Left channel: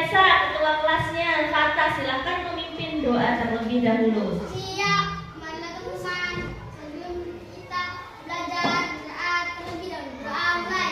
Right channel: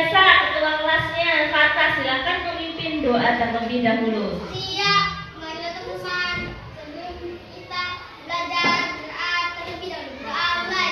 biasa ketua kelasnya Fata silakan memimpin doa terlebih dahulu. Siap, marilah teman-teman. Sebelum kita belajar doa terlebih dahulu. Doa mulai.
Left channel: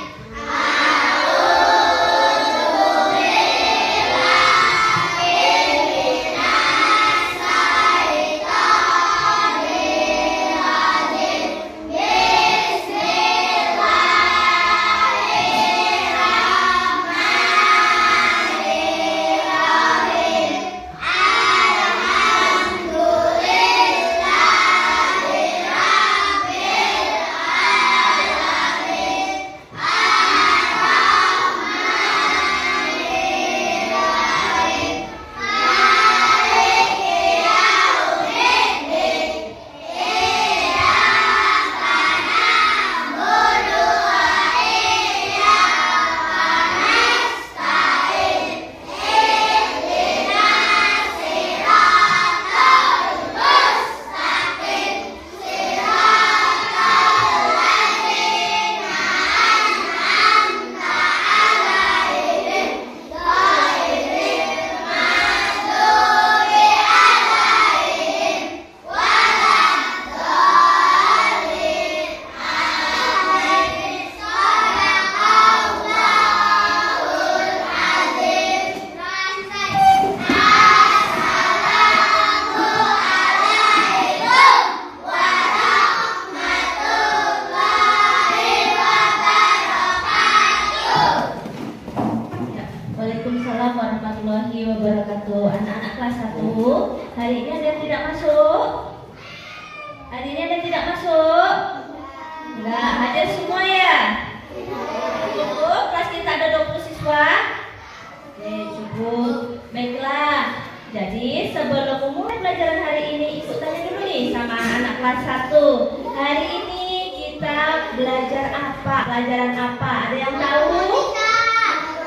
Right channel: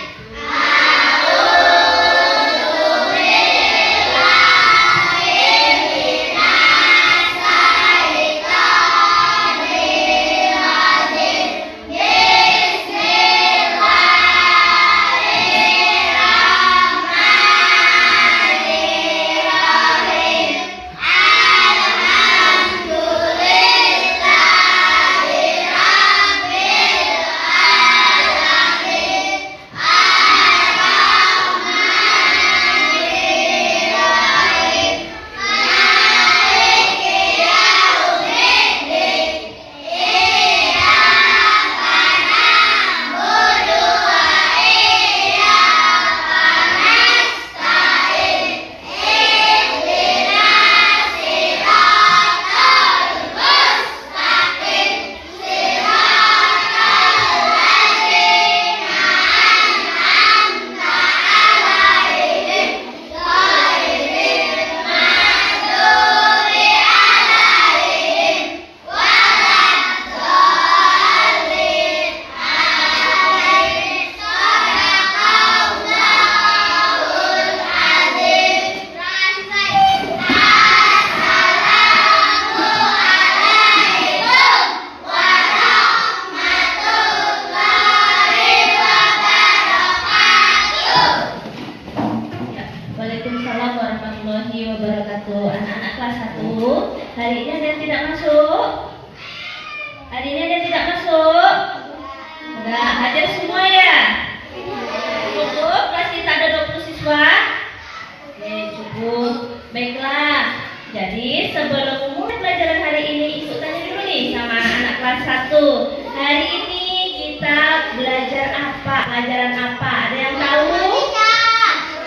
Waalaikumsalam warahmatullahi wabarakatuh. Anak-anak kelas 1, hari ini ada yang tidak masuk? Hari ini ada yang tidak masuk? Enggak, hadir semua ya? Cukup? Kelas kita ada 20 siswa? Oke, cukup. Baiklah. Jadi sebelum memulai pelajaran hari ini, Ibu tanya dulu nih sama anak kelas 1. Hari ini kita belajar apa? Pelajaran apa? Ada yang tahu?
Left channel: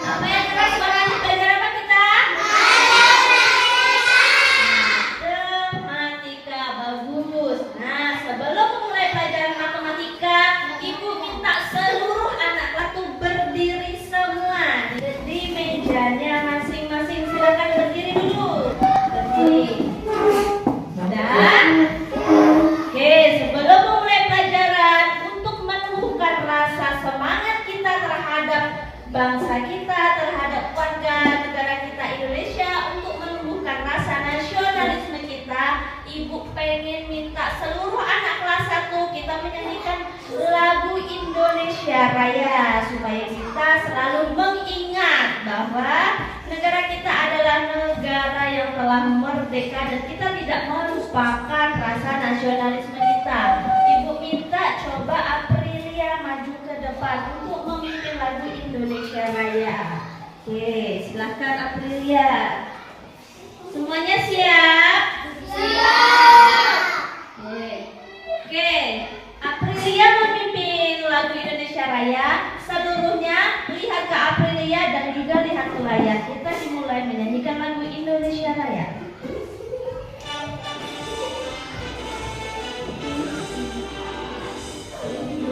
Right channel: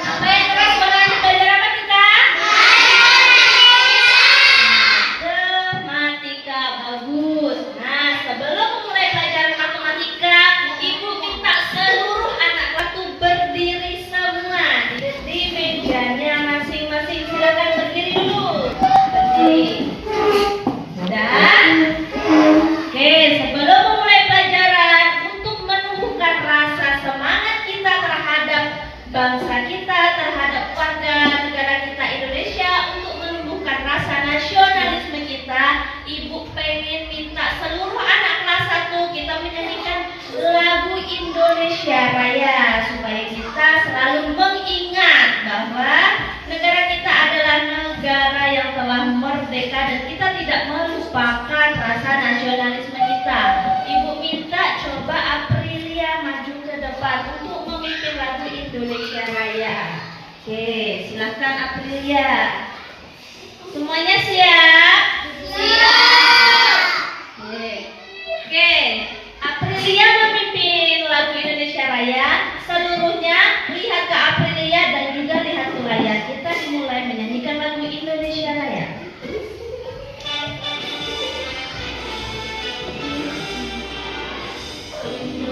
Apa yang keras banget belajar apa kita? Matematika. Bagus. Nah, sebelum memulai pelajaran matematika, Ibu minta seluruh anak kelas itu berdiri semua di mejanya masing-masing. Silakan berdiri dulu. Berdiri. Dan oke, sebelum memulai pelajaran, untuk menumbuhkan rasa semangat kita terhadap bangsa kita, terhadap warga negara kita Indonesia, untuk menumbuhkan rasa nasionalisme kita, Ibu pengen minta seluruh anak kelas 1 kita menyanyikan lagu Indonesia Raya, supaya kita selalu mengingat bahwa negara kita adalah negara yang telah merdeka dan kita tidak melupakan rasa nasionalisme kita. Ibu minta coba Aprilia maju ke depan untuk memimpin lagu Indonesia Raya. Oke, silakan Aprilia. Semuanya siap? Siap. Oke. Aprilia memimpin lagu Indonesia Raya. Seluruhnya lihat ke Aprilia dan juga lihat ke layar. Kita dimulai menyanyikan lagu Indonesia Raya. Ibu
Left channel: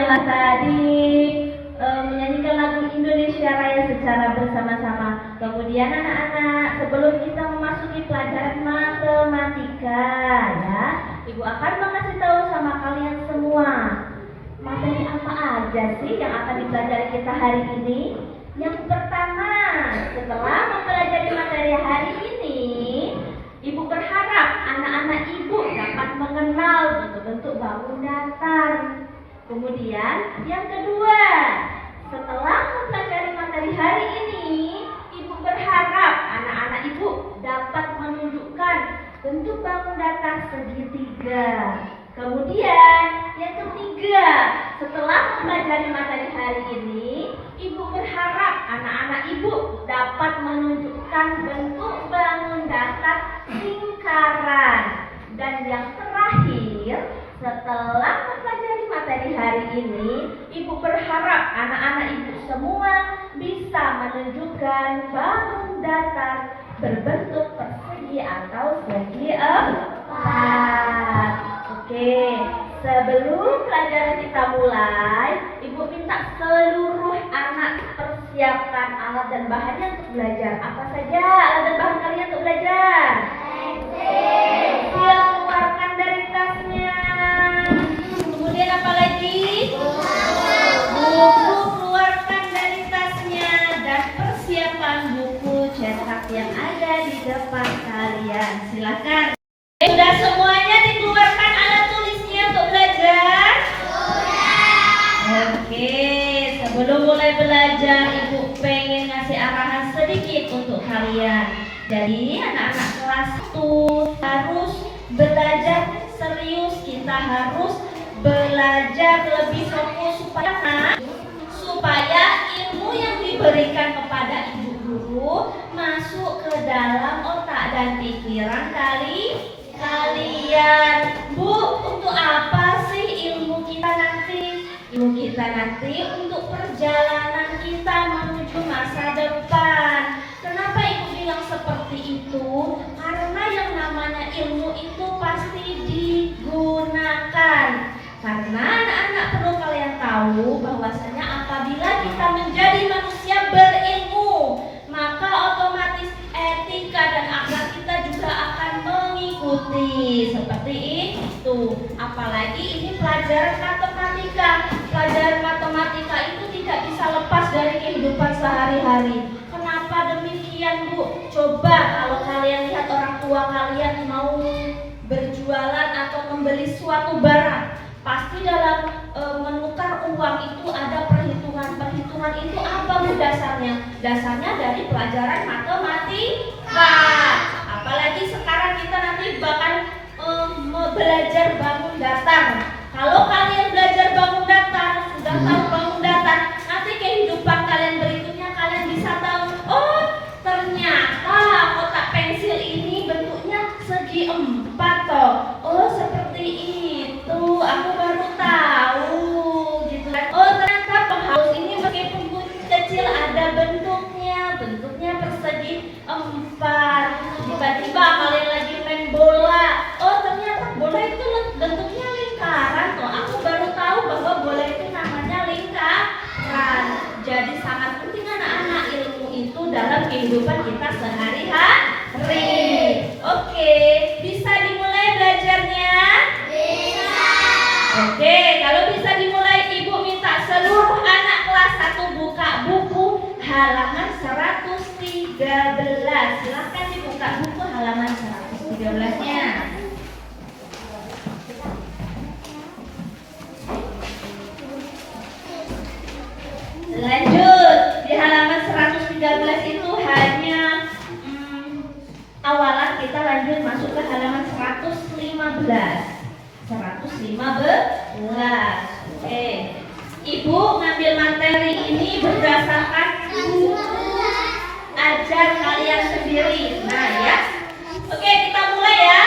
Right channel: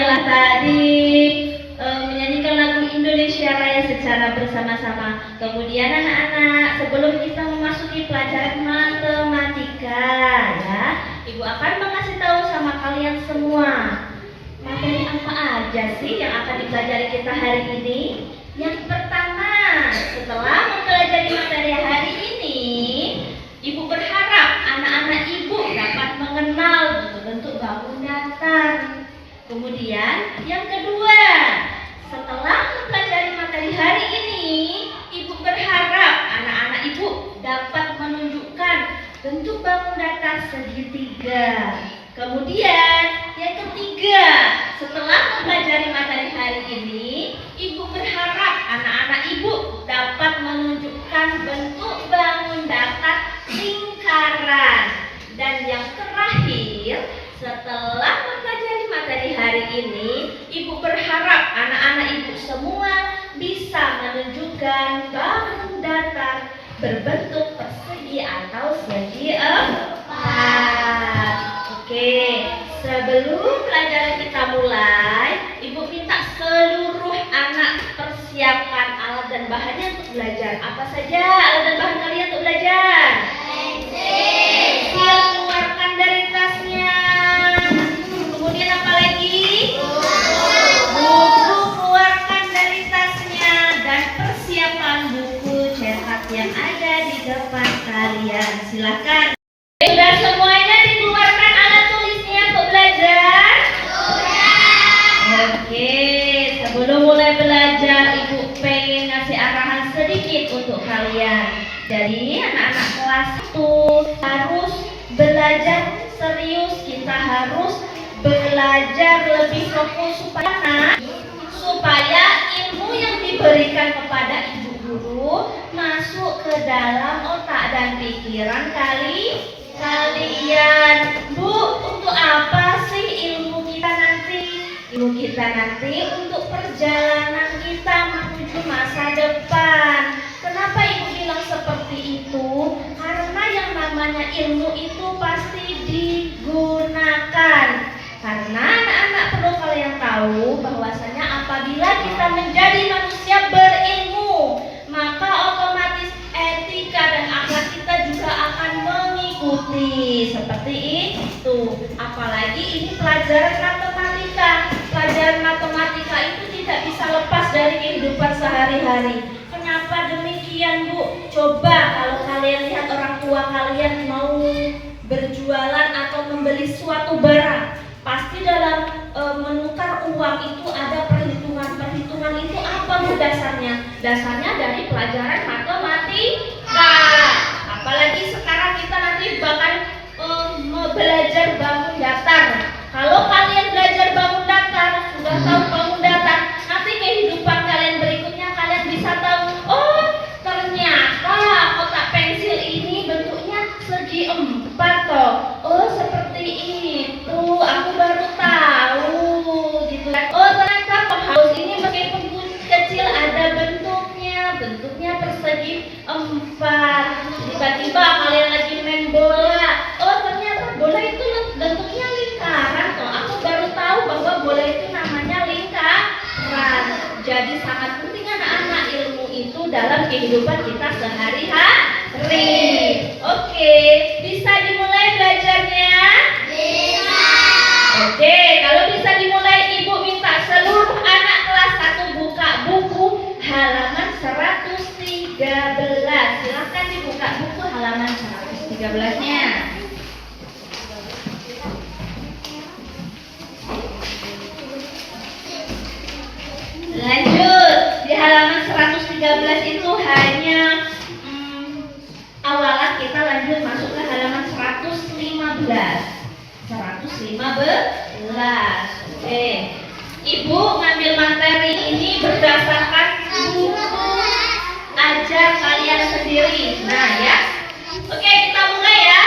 yang tadi menyanyikan lagu Indonesia Raya secara bersama-sama. Kemudian anak-anak, sebelum kita memasuki pelajaran matematika, ya, Ibu akan mengasih tahu sama kalian semua materi apa aja sih yang akan dipelajari kita hari ini. Yang pertama, setelah mempelajari materi hari ini, Ibu berharap anak-anak Ibu dapat mengenal bentuk-bentuk bangun datar. Kemudian yang kedua, setelah mempelajari materi hari ini, Ibu berharap anak-anak Ibu dapat menunjukkan bentuk bangun datar segitiga. Kemudian yang ketiga, setelah mempelajari materi hari ini, Ibu berharap anak-anak Ibu dapat menunjukkan bentuk bangun datar lingkaran. Dan yang terakhir, setelah mempelajari materi hari ini, Ibu berharap anak-anak Ibu semua bisa menunjukkan bangun datar berbentuk persegi atau segi empat. Oke, sebelum pelajaran kita mulai, Ibu minta seluruh anak persiapkan alat dan bahannya untuk belajar. Apa saja alat dan bahan kalian untuk belajar? Pensil, keluarkan dari tasnya. Kemudian apa lagi? Buku, keluarkan dari tasnya. Dan persiapan buku cetak yang ada di depan kalian. Silakan. Sudah semuanya dikeluarkan alat tulisnya untuk belajar? Oke, sebelum mulai belajar, Ibu pengen ngasih arahan sedikit untuk kalian. Jadi anak-anak kelas 1 harus belajar serius. Kita harus belajar lebih fokus supaya ilmu yang diberikan kepada Ibu Guru masuk ke dalam otak dan pikiran kalian. Bu, untuk apa sih ilmu kita nanti? Ilmu kita nanti untuk perjalanan kita menuju masa depan. Kenapa Ibu bilang seperti itu? Karena yang namanya ilmu itu pasti digunakan. Karena anak-anak perlu kalian tahu bahwasanya apabila kita menjadi manusia berilmu, maka otomatis etika dan akhlak kita juga akan mengikuti. Seperti itu. Apalagi ini pelajaran matematika. Pelajaran matematika itu tidak bisa lepas dari kehidupan sehari-hari. Kenapa demikian, Bu? Coba kalau kalian lihat orang tua kalian mau berjualan atau membeli suatu barang, pasti dalam menukar uang itu ada perhitungan. Perhitungan itu apa, Bu, dasarnya? Dasarnya dari pelajaran matematika. Apalagi sekarang kita nanti bakal belajar bangun datar. Kalau kalian belajar bangun datar, sudah tahu bangun datar, nanti kehidupan kalian berikutnya kalian bisa tahu, oh ternyata kotak pensil ini bentuknya segi empat toh. Oh seperti itu, aku baru tahu gitu. Oh ternyata paus ini meskipun kecil ada bentuknya persegi empat. Tiba-tiba kalian lagi main bola, oh ternyata bola itu bentuknya lingkaran toh. Aku baru tahu bahwa bola itu namanya lingkaran. Jadi sangat penting anak-anak ilmu itu dalam kehidupan kita sehari-hari. Oke, bisa dimulai belajarnya? Bisa. Oke, kalau bisa dimulai, Ibu minta seluruh anak kelas 1 buka buku halaman 113. Silakan dibuka buku halaman 113-nya. Lanjut, di halaman 113 itu hanya awalan, kita lanjut masuk ke halaman 115. Oke. Ibu ngambil materi ini berdasarkan buku ajar kalian sendiri. Nah ya. Oke, kita mulai ya.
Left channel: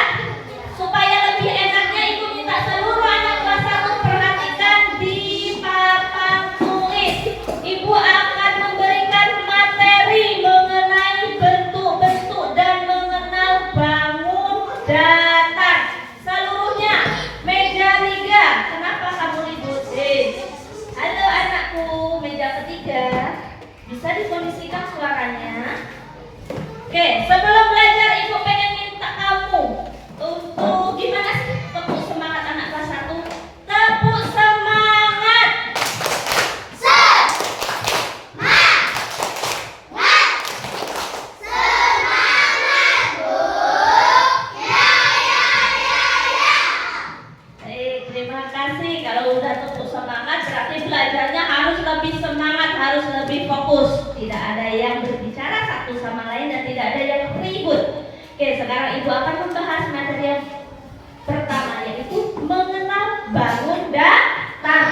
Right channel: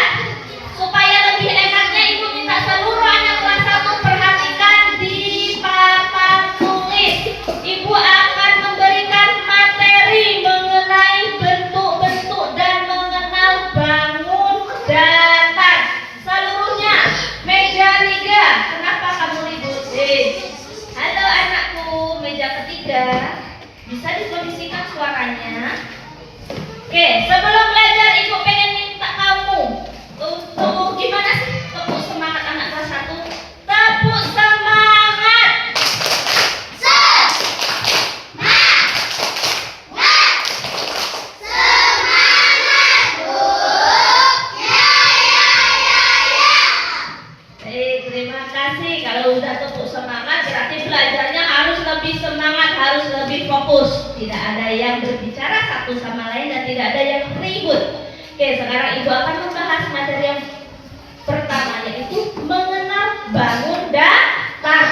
Supaya lebih enaknya Ibu minta seluruh anak kelas 1 perhatikan di papan tulis. Ibu akan memberikan materi mengenai bentuk-bentuk dan mengenal bangun datar. Seluruhnya meja 3. Kenapa kamu ribut? Bisa dikondisikan suaranya. Oke, sebelum belajar Ibu pengen minta kamu untuk gimana sih tepuk semangat anak kelas 1? Tepuk semangat. Terima kasih. Kalau udah tepuk semangat berarti belajarnya harus lebih semangat, harus lebih fokus. Tidak ada yang berbicara satu sama lain dan tidak ada yang ribut. Oke, sekarang Ibu akan membahas materi yang pertama, yaitu mengenal bangun datar.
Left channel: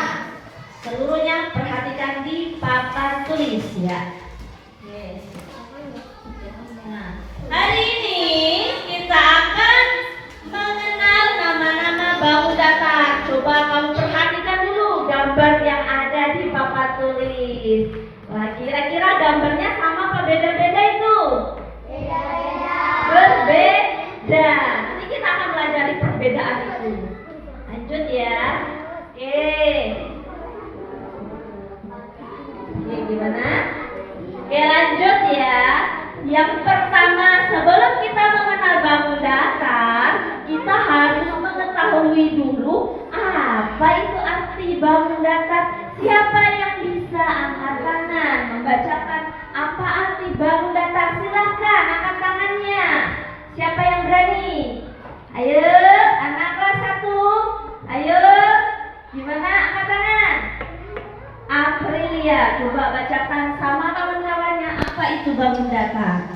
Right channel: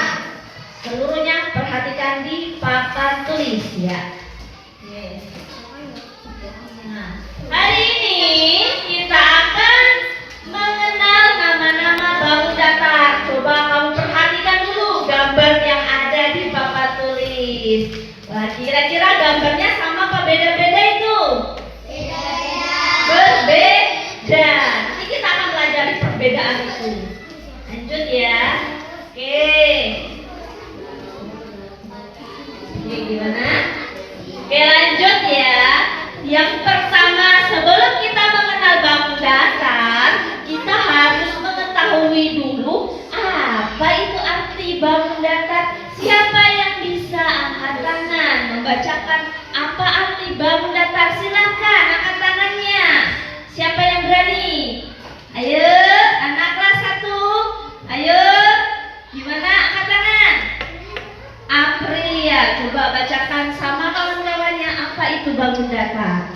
Seluruhnya perhatikan di papan tulis ya. Oke. Nah, hari ini kita akan mengenal nama-nama bangun datar. Coba kamu perhatikan dulu gambar yang ada di papan tulis. Wah, kira-kira gambarnya sama apa beda-beda itu? Berbeda. Nanti kita akan pelajari perbedaan itu. Lanjut ya. Oke. Oke, gimana? Oke, lanjut ya. Yang pertama, sebelum kita mengenal bangun datar, kita harus mengetahui dulu apa itu arti bangun datar. Siapa yang bisa angkat tangan membacakan apa arti bangun datar? Silakan angkat tangannya. Siapa yang berani? Ayo, anak kelas 1. Ayo, gimana angkat tangan? Aprilia, coba bacakan sama kawan-kawannya apa itu bangun datar.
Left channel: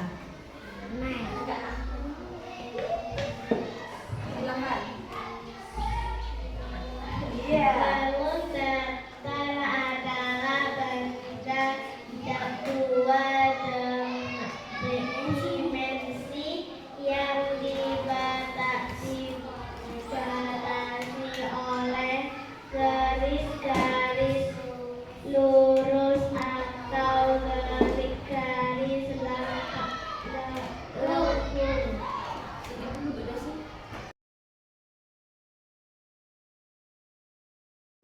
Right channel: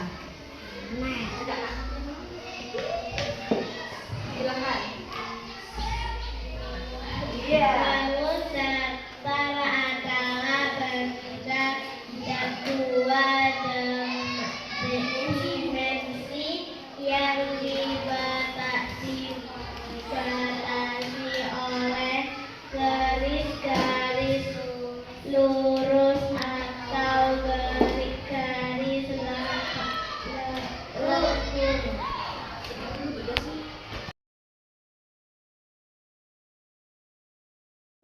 Bangun datar adalah benda yang tua dimensi yang dibatasi oleh garis-garis lurus atau garis-garis lengkung.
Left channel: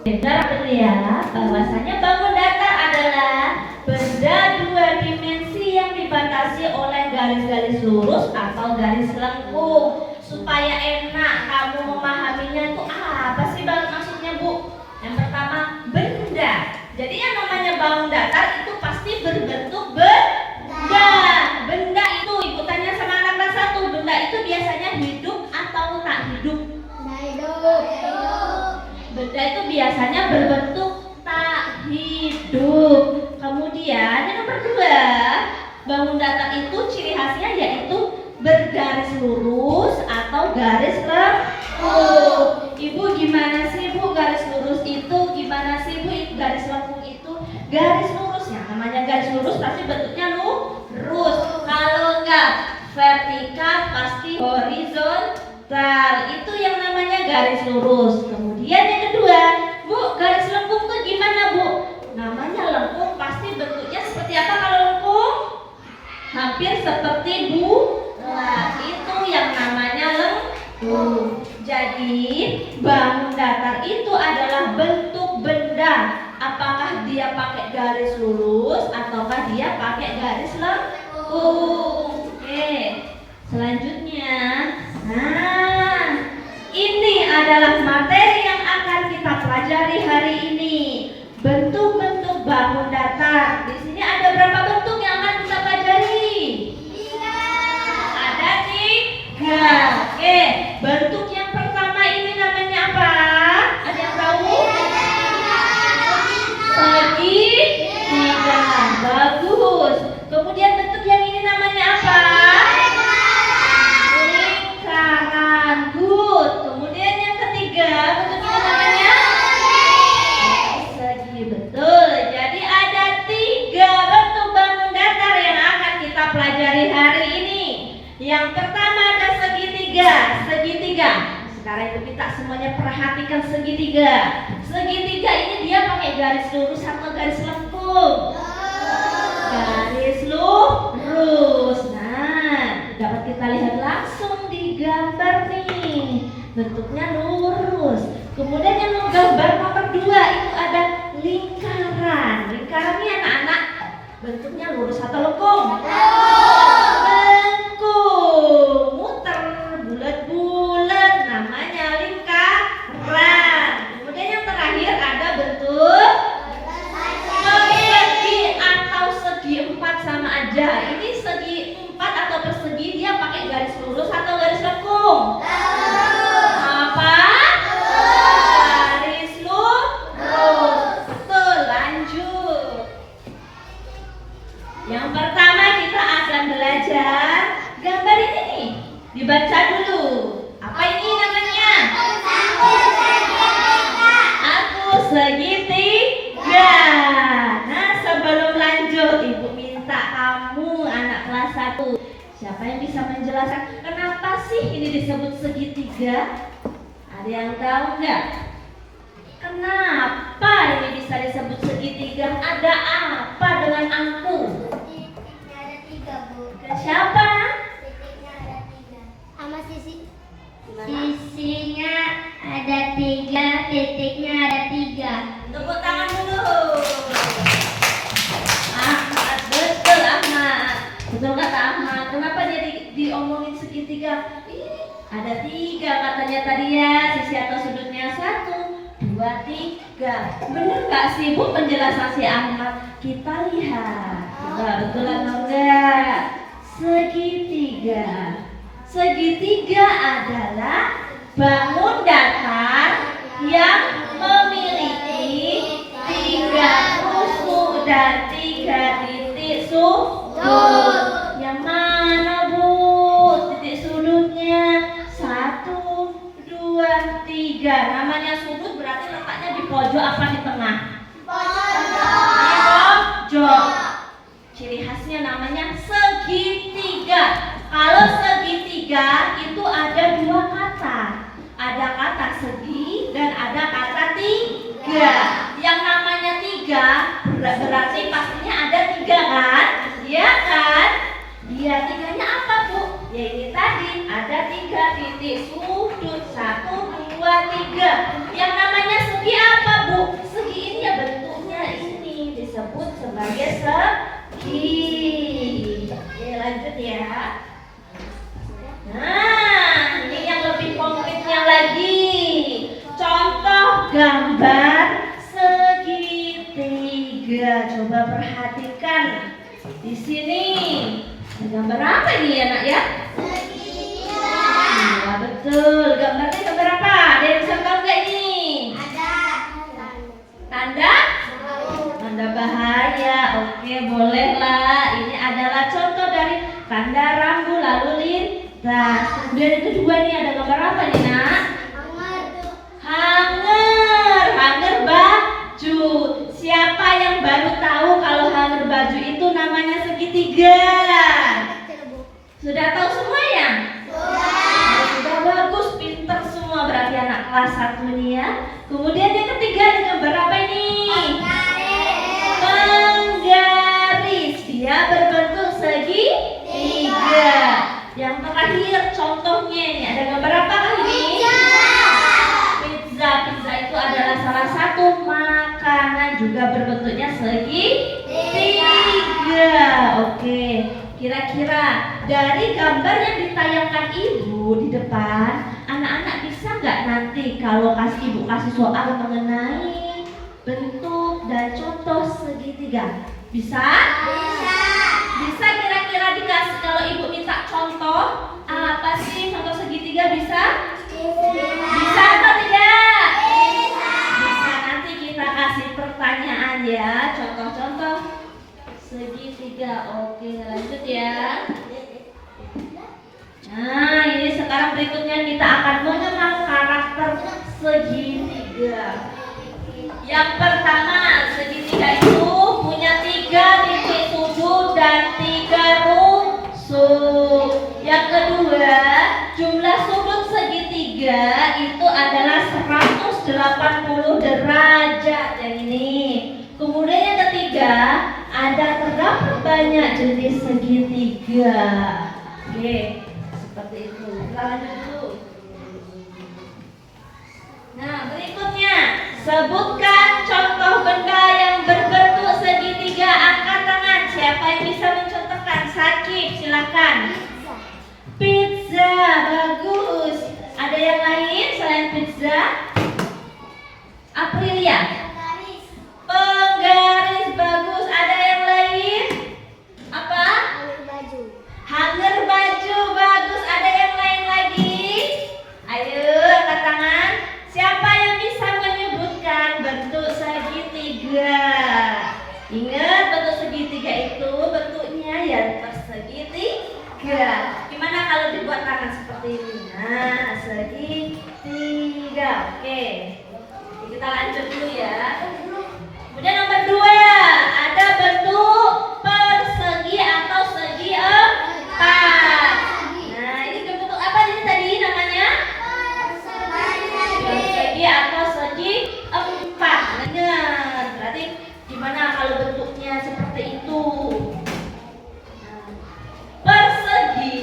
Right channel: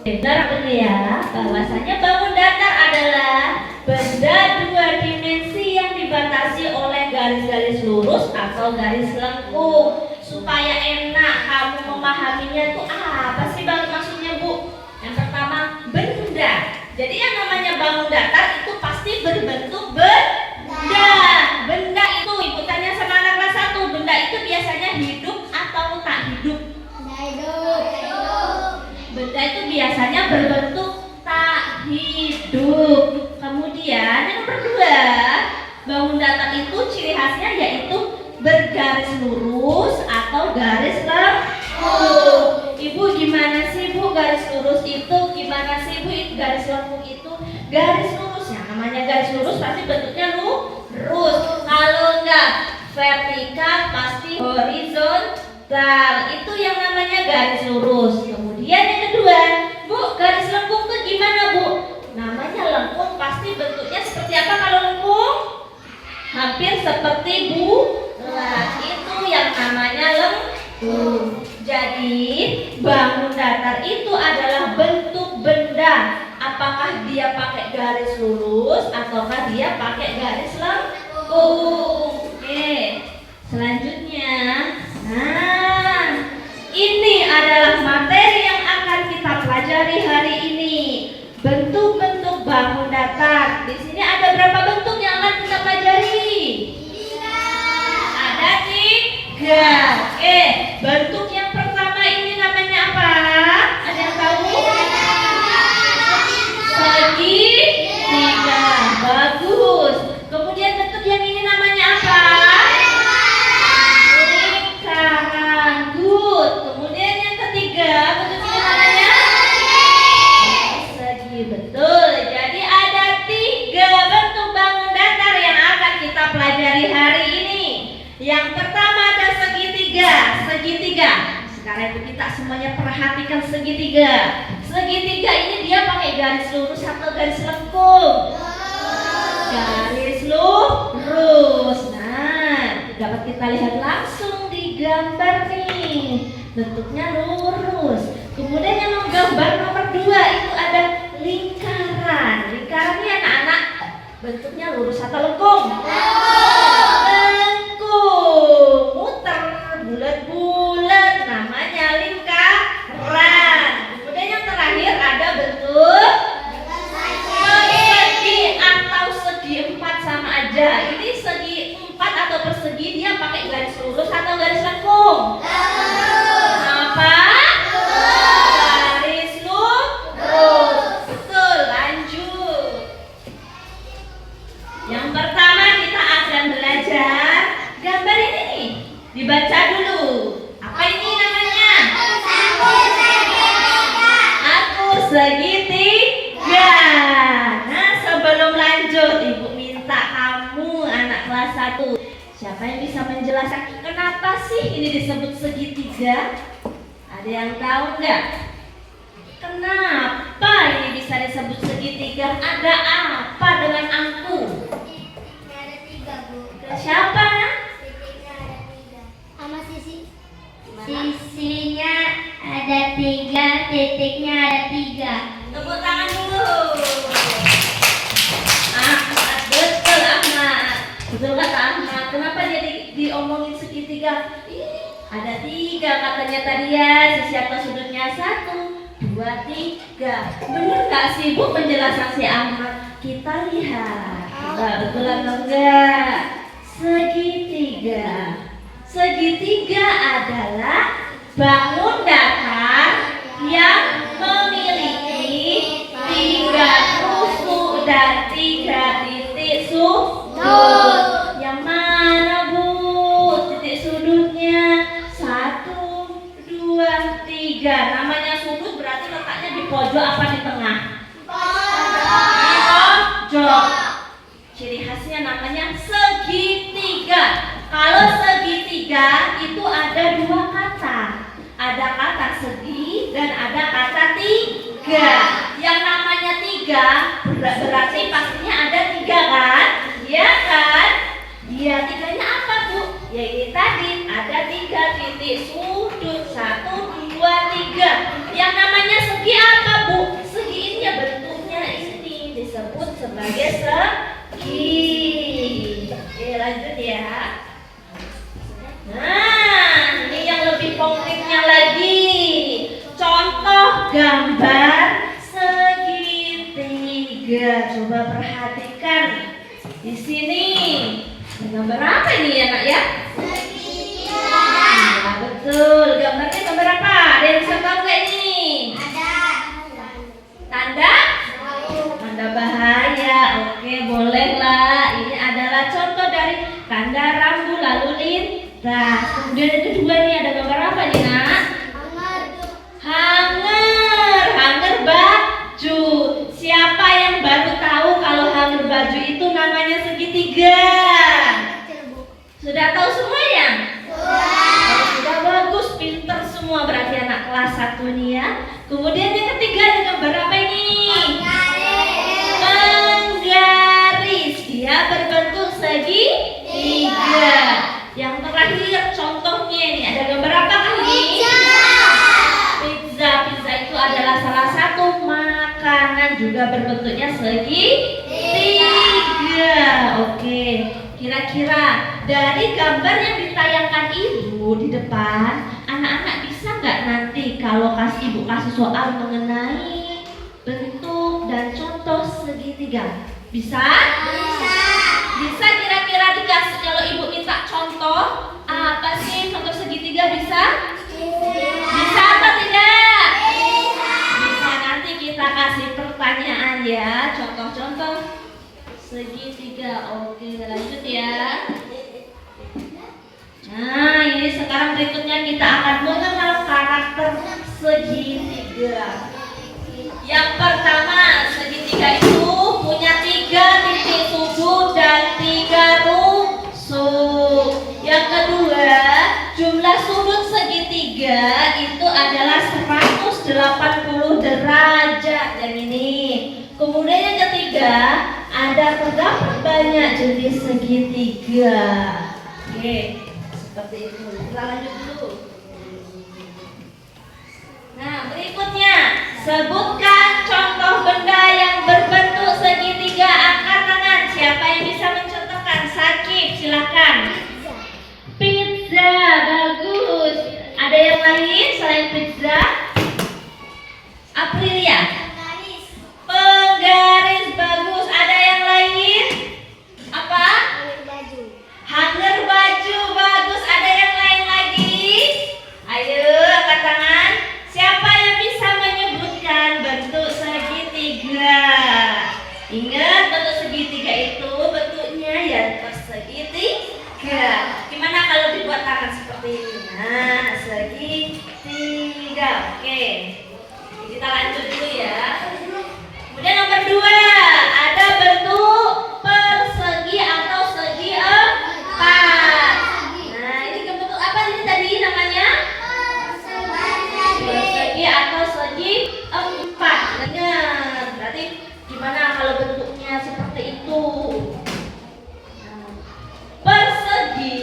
Benar ya, bahwasanya bangun datar adalah benda dua dimensi yang dibatasi oleh garis-garis lurus atau garis lengkung. Supaya enak kamu memahaminya itu apa sih maksudnya Bu? Yang pertama, benda. Jadi yang namanya bangun datar itu pasti berbentuk benda. Benda itu, Ibu tanya sama anak kelas 1, benda itu biasanya hidup atau tak hidup? Benda itu biasanya berbentuk tak hidup. Kemudian yang kedua, bangun datar itu ciri khasnya yaitu bergaris lurus atau garis lengkung. Ibu gimana sih Bu garis lurus itu? Gimana sih Bu garis lengkung itu? Garis lurus ya, namanya garis lurus pasti bentuknya lurus. Kalau enggak vertikal pasti horizontal. Itu yang namanya garis lurus. Kemudian yang kedua, Bu, garis lengkung tuh gimana Bu? Namanya lengkung pasti bentuknya seperti apa kalau lengkung? Hampir seperti bulat. Itu yang namanya lengkung. Jadi bangun datar itu adalah bentuk benda. Apakah dia pakai garis lurus ataukah dia pakai garis lengkung? Oke. Selanjutnya, nah, ini adalah materi yang akan kita pelajari hari ini. Bentuk-bentuk bangun datar. Di sini ada berapa bentuk yang akan kita pelajari? Ada 3. Oke, bentuk yang pertama ini namanya apa? Ada yang tahu? Segitiga. Bagus. Kemudian bentuk yang ini namanya apa? Lingkaran. Good. Kemudian yang ketiga, bentuk ini namanya segi. Betul. Jadi ada 3 bentuk bangun datar yang akan kita pelajari hari ini. Yang pertama ada segitiga. Segitiga. Sekarang itu kita semuanya perhatikan segitiga. Segitiga ini dia pakai garis lurus atau garis lengkung? Garis lurus. Nah, dapat kita lihat langsung di gambar nih. Bentuknya lurus. Kemudian yang gambar nomor 2 itu ada lingkaran. Lingkaran ini anak-anak Bentuknya lurus atau lengkung? Lengkung. Muter bulat-bulat, namanya lingkaran. Kemudian yang terakhir ada bentuk persegi atau segi empat, sama aja. Ini segi empat atau persegi, dia pakai garis lurus atau garis lengkung? Apa? Garis lurus. Betul, lanjut. Yang pertama kita akan belajar gambar ini nih. Dibaca dulu. Apa ini namanya? Aku segitiga. Nah, sebelum lanjut, Ibu minta kamu anak kelas 1. Siapa yang bisa menjelaskan kenapa sih ini disebut segitiga? Ada yang tahu nggak? Kenapa ini bisa disebut segitiga? Ada apa dengan angku? Titiknya ada 3, Bu. Siapa? Titiknya ada 3. Sama sisi. Gimana? Sisinya ada 3, titiknya ada 3. Tepuk tangan dulu. Ahmad, betul Ahmad. Betul kata Ahmad. Kenapa jadi diomongin segitiga? Ada 3 katanya tadi ya. Sisi atau sudutnya 1, 2, 3. Bener nggak sih Bu penjelasan si Ahmad? Kita lihat. Betul atau enggak? Segitiga. Segitiga adalah bangun datar yang memiliki 3 tusuk dan 3 titik sudut. Yang mana Bu titik sudutnya? 1, 2, 3. Namanya sudut berarti letaknya di pojok apa di tengah? Pojok. Ciri khasnya namanya segitiga. Kalau segitiga itu ada 2 kata. Ada kata segi dan ada kata 3. Yang namanya 3 berarti pastinya ada 3 kan? Iya kan? Dia 3-nya apa Bu? Ya ini tadi ada 3 titik sudut. 1, 2, 3. Yang namanya segi apa Bu? Segi ini ya bentuknya ini disebut sebagai segi. Oke, lanjut ya. Nah, ini yang lebih konkretnya lagi. Contoh gambar segitiga. Coba perhatikan di sini. Ini gambar apa ini ya Nak ya? Iya betul. Gambarnya gambar apa? Ada yang bisa tahu nggak ini? Tanda? Tanda bahaya. Oke, bolehlah. Ini adalah contoh dari tanda rambu lalu lintas. Kemudian yang kedua nih ada gambar apa nih Nak? Hanger baju. Siapa yang baru tahu kalau hanger baju itu namanya segitiga? Sudah tahu semua ya? Kalau sudah bagus, pinter semua berarti anak kelas 1 nih ya. Kemudian yang ketiga ada gambar apa ini? Penggaris. Dia berbentuk segitiga. Yang terakhir contohnya ini ada gambar apa ini? Pizza. Pizza itu adalah salah satu makanan juga berbentuknya segitiga. Oke, kira-kira dari gambar yang ditayangkan Ibu di depan, anak-anak bisa nggak nanti kalau Ibu kasih soal mengenai bentuk dan contoh segitiga? Bisa? Bisa kira-kira dikasih kalau Ibu minta contoh apa sih contoh segitiga bisa? Bisa atau tidak? Bisa, nanti kita kasih pertanyaan ya, contoh-contoh segitiga. Oke, lanjut ya. Nah, ini sekarang berikutnya kita akan mengenal karakter segitiga. Yang pertama, segitiga itu punya 3 titik sudut dan 3 rusuk. Yang kedua, jumlah sudut segitiga itu adalah 180 derajat yang ini. Kemudian yang ketiga, ada terdapat banyak jenis segitiga. Oke, seperti itu. Kita lanjut dulu. Nah, berikutnya, sebutkan contoh benda yang berbentuk segitiga. Angkat tangan. pizza? Aprilia. garis, Penggaris, bagus. Ada yang lain? Apa? baju, Hanger baju, bagus. Ada yang lain lagi? Ayo, angkat tangan. Siapa yang bisa menyebutkan bentuk segitiga? Ingat, bentuk segitiga itu bentuknya yang persegitiga. Gimana kalau dibuat tangan seperti ini? Nah, segitiga. Oke. Kita lanjut dulu ya. Kemudian nomor 2, ada bentuk persegi atau segi empat. Nah, ini bentuk apa ini tadi namanya? Persegi atau segi empat. Dengar. Berarti gimana kalau bentuknya seperti itu? Nah, persegi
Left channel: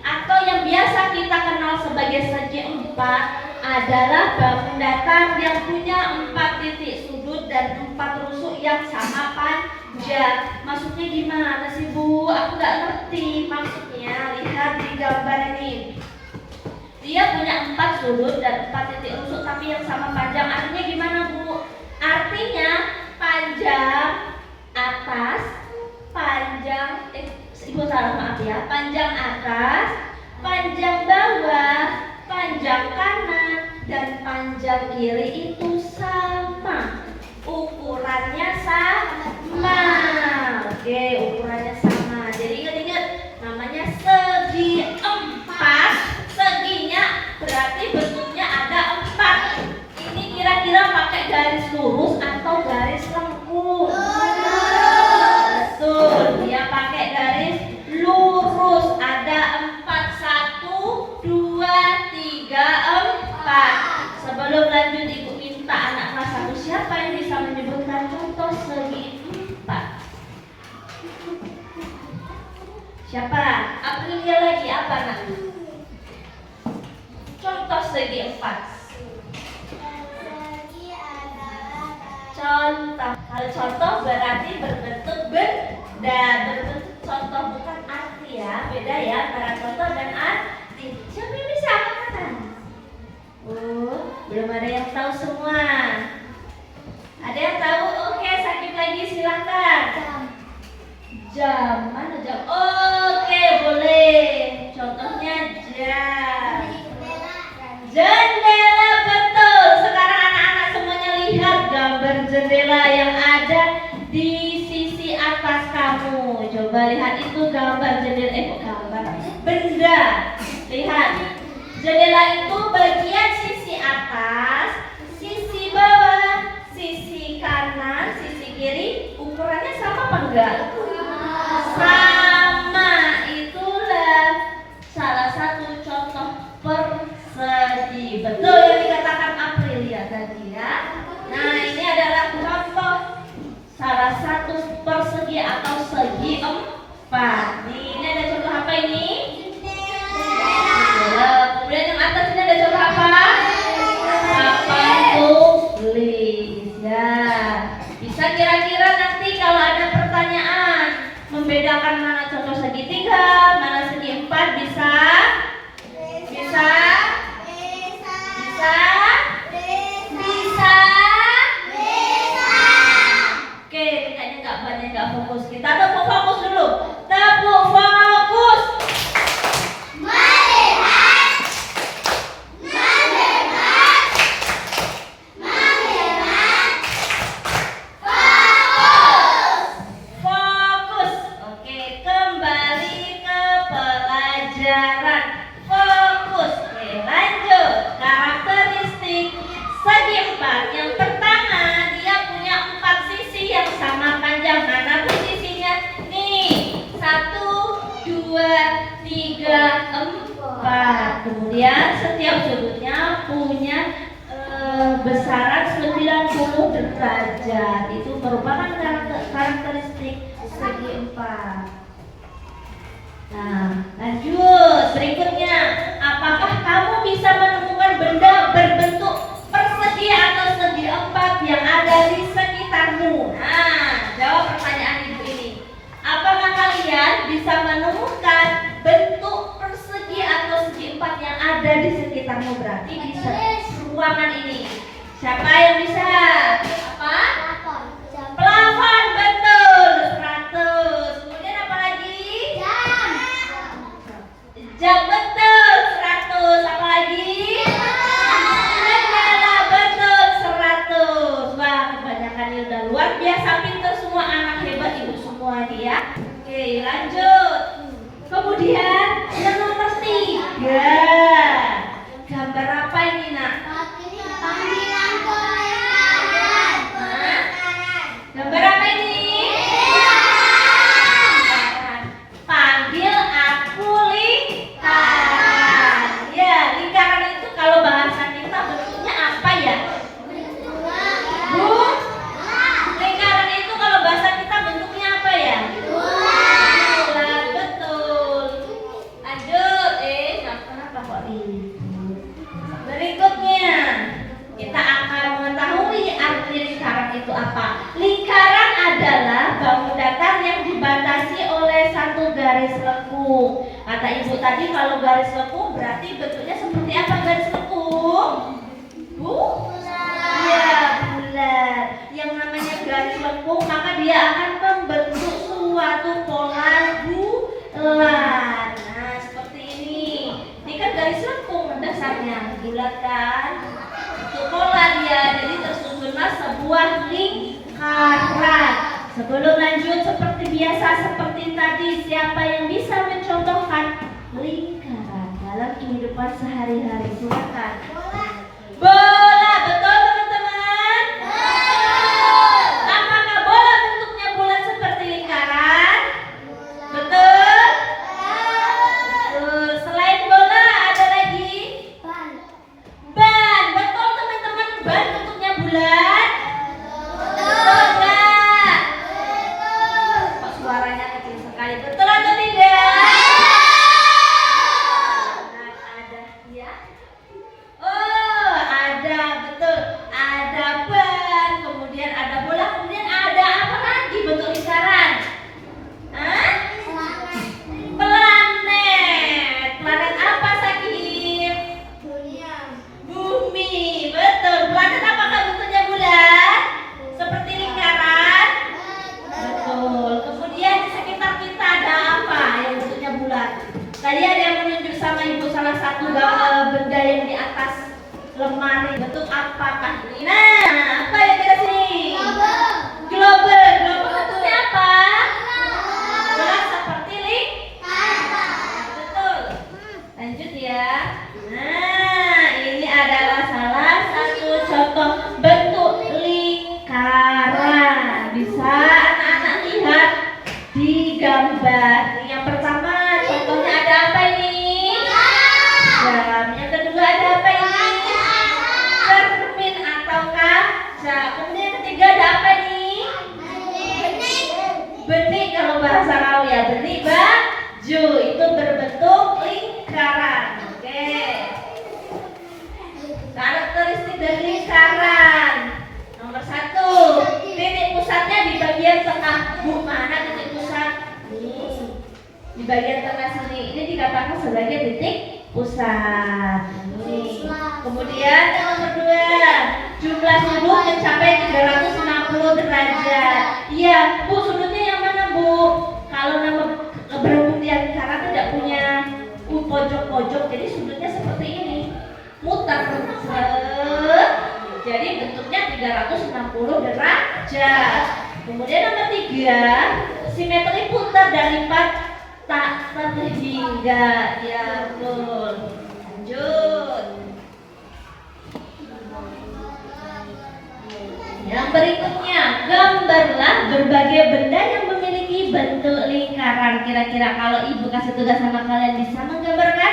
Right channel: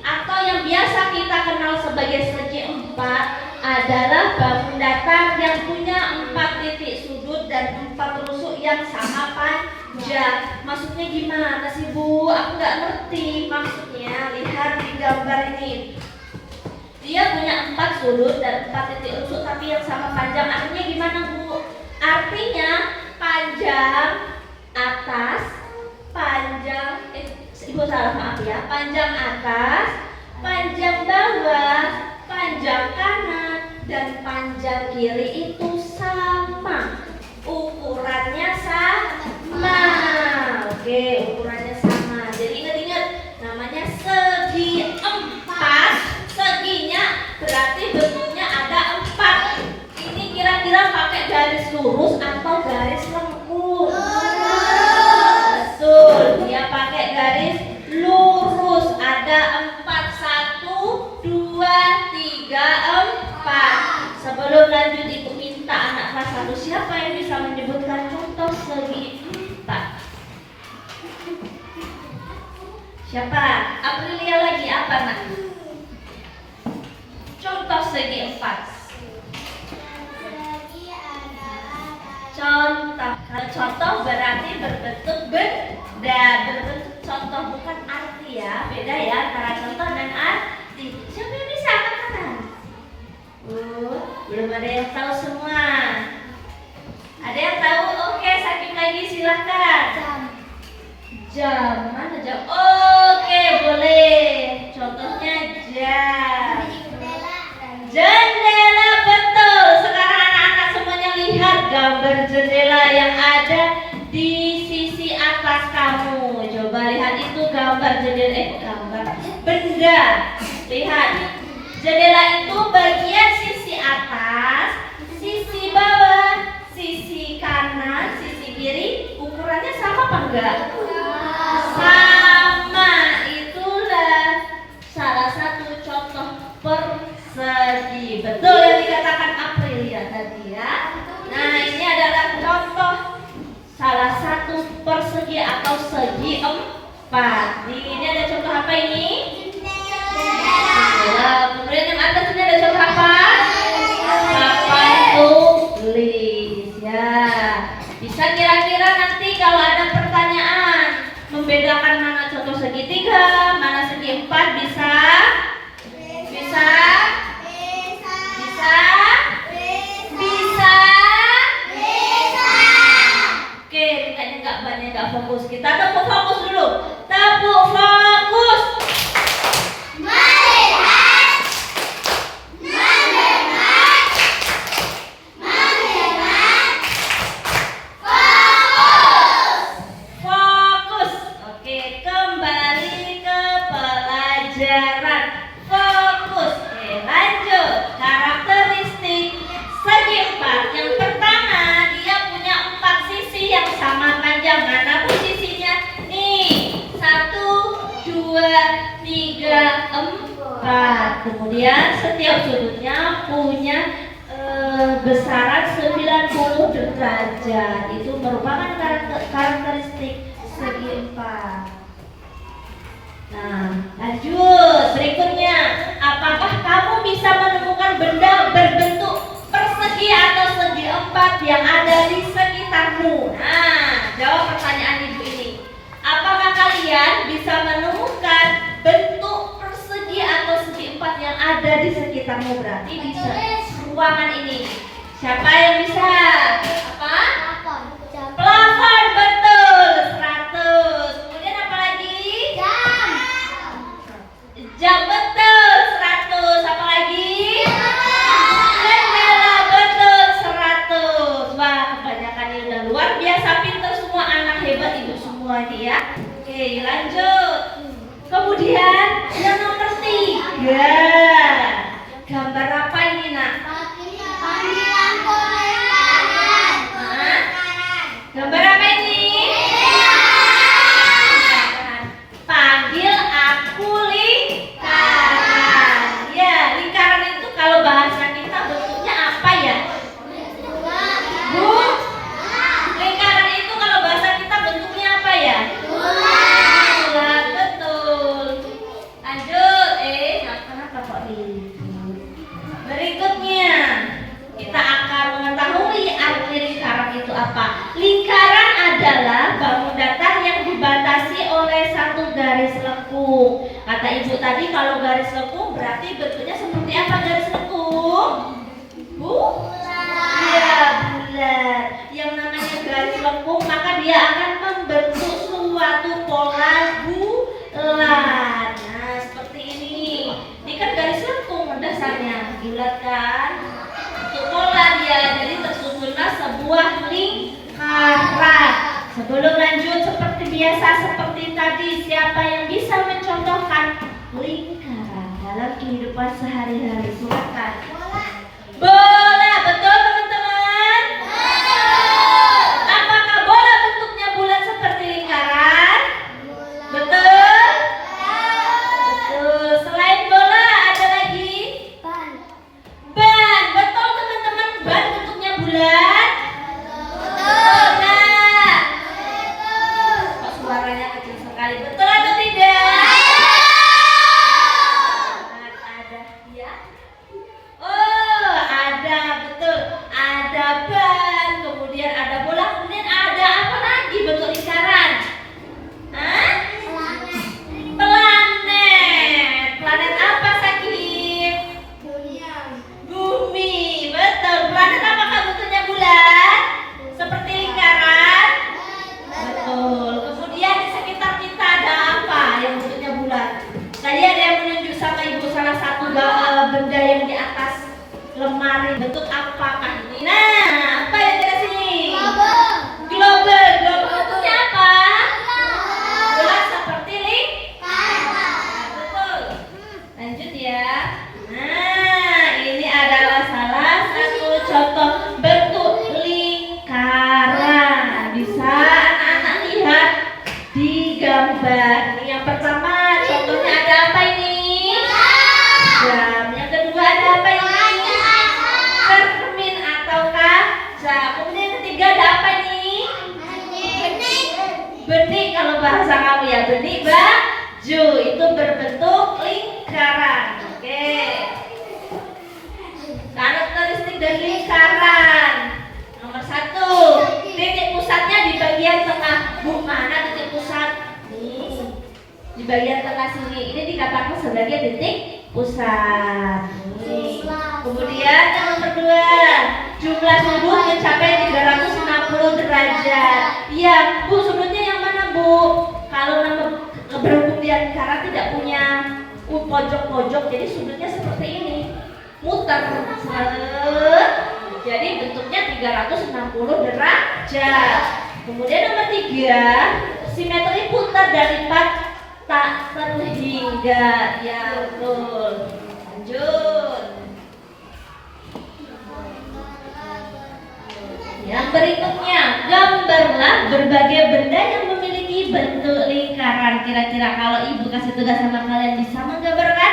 atau yang biasa kita kenal sebagai segi empat adalah bangun datar yang punya 4 titik sudut dan 4 rusuk yang sama panjang. Maksudnya gimana sih Bu? Aku nggak ngerti maksudnya. Lihat di gambar ini. Dia punya 4 sudut dan 4 titik rusuk tapi yang sama panjang. Artinya gimana Bu? Artinya panjang atas, panjang Ibu salah maaf ya. Panjang atas, panjang bawah, panjang kanan dan panjang kiri itu sama. Ukurannya sama. Oke, ukurannya sama. Jadi ingat-ingat namanya segi empat. Seginya berarti bentuknya ada 4. Ini kira-kira pakai garis lurus atau garis lengkung? Betul, dia pakai garis lurus. Ada 4, 1, 2, 3, 4. Sebelum lanjut Ibu minta anak kelas 1 siapa yang bisa menyebutkan contoh segi 4? Siapa? Aprilia lagi apa nak? Contoh segi 4. Contoh. Kalau contoh berarti berbentuk benda. Berbentuk contoh bukan arti ya. Beda ya antara contoh dan arti. Siapa yang bisa angkat tangan? Belum ada yang tahu semua. Ada yang tahu? Oke, sakit lagi silakan. Jam. Mana jam? Oke, boleh. Contohnya jam. Jendela, betul. Sekarang anak-anak semuanya lihat gambar jendela yang ada di sisi atas kamu. Coba lihat itu gambar jendela. Gambar benda. Lihat. Jendela itu bagian sisi atas, sisi bawah, sisi kanan, sisi kiri. Ukurannya sama apa enggak? Sama. Itulah salah satu contoh persegi. Betul yang dikatakan Aprilia tadi ya. Nah, ini adalah contoh salah satu persegi atau segi 4. Ini ada contoh apa ini? Kemudian yang atas ini ada contoh apa? Papan tulis ya. Bisa kira-kira nanti kalau ada pertanyaan membedakan mana contoh segitiga, mana segi 4 bisa? Bisa? Bisa? Bisa? Oke, kayaknya nggak banyak nggak fokus. Kita tepuk fokus dulu. Tepuk fokus. Fokus. Oke, kembali ke pelajaran. Fokus. Oke, lanjut. Karakteristik segi 4. Yang pertama, dia punya 4 sisi yang sama panjang. Mana pun sisinya? Nih, 1, 2, 3, 4. Kemudian setiap sudutnya punya besaran 90 derajat. Itu merupakan karakteristik segi 4. Nah, lanjut. Berikutnya, apakah kamu bisa menemukan benda berbentuk persegi atau segi 4 yang ada di sekitarmu? Nah, jawab pertanyaan ibu ini. Apakah kalian bisa menemukan bentuk persegi atau segi 4 yang ada di sekitarmu? Berarti bisa. ruangan ini? Siapa yang bisa? Apa? Telepon. Plafon, betul, 100. Kemudian apa lagi? Jam. Jam, betul, 100. Apa lagi? Jendela, betul, 100. Wah, kebanyakan ini udah luar biasa pintar semua, anak hebat ibu semua ini ya. Oke, lanjut. Kemudian yang nomor 3. Gambar apa ini, Nak? Panggilan kolekan. Hah? Gambar apa ini? Panggil aku lingkaran. Ya, lingkaran itu kalau bahasa kita bentuknya apa ya? Bu? Lingkaran itu kalau bahasa kita bentuknya apa ya? Bulat, betul. Lanjut, kenapa kok ribut? Berikutnya, kita akan mengetahui arti lingkaran itu apa. Lingkaran adalah bangun datar yang dibatasi oleh satu garis lekung. Kata ibu tadi kalau garis lekung berarti bentuknya seperti apa garis lekung? Bu? Iya, bulat. Yang namanya garis lekung maka dia akan membentuk suatu pola bulat. Nah, seperti ini. Ini kan garis lekung dasarnya, bulat kan? Untuk pola dia, jadi tersusunlah sebuah lingkaran. Sebelum lanjut seperti biasa seperti tadi, siapa yang bisa mencontohkan lingkaran dalam kehidupan sehari-hari? Silakan. Bola, betul teman-teman? Apakah bola bentuknya bulat seperti lingkaran? Betul? Betul. Selain bola ada lagi? Ban, betul teman-teman. Ban bentuknya bulat? Betul nggak? Kok suaranya kecil sekali? Betul atau tidak? Ada ya? Oh, ada, betul. Ada ban, kemudian ada bola, kemudian ada apa lagi bentuk lingkaran? Hah? Planet. Planet apa, Sakib? Bumi, betul. Planet apakah bentuknya bulat? Seperti lingkaran? Betul. Kemudian di sekitar kita ada apa yang bentuknya bulat? Tadi ada yang menunjuk sama ibu salah satu benda yang di atas lemari. Bentuk apakah ini? Nah, apa yang kita sini? Global. Global bentuknya apa? Bulat seperti lingkaran. Betul. Lanjut ya. Nah, ini adalah salah satu contoh bentuk lingkaran. Bisa anak-anak lihat di gambar. Yang pertama contohnya ada apa ini? Jam. Yang kedua ada apa ini? Cermin atau kaca. Kemudian yang ketiga ada apa ini? Benik kalau bahasa kamu ya, benik baju. Itu berbentuk lingkaran. Oke. Karakteristik dari lingkaran. Nomor 1, titik pusatnya di bagian tengah. Bu, mana titik pusat? Nih, di bagian tengah sini. Ini dikatakan sebagai titik pusat. Nih. Kemudian yang nomor 2, jumlah sudut mencapai 360 derajat. Iya, Bu, sudutnya yang mana, Bu? Kalau nama berhubung dia lingkaran tidak punya pojok-pojok, jadi sudutnya seperti ini. Muter. Jadi bentuknya 360 derajat. Kemudian nomor 3, simetri putar dari 4 tak terhingga. Ya, betul. Lanjut. Yang berikutnya, gambarlah berbagai benda yang memiliki bentuk lingkaran. Kira-kira kalau ibu kasih tugas sama kalian bisa menggambarkan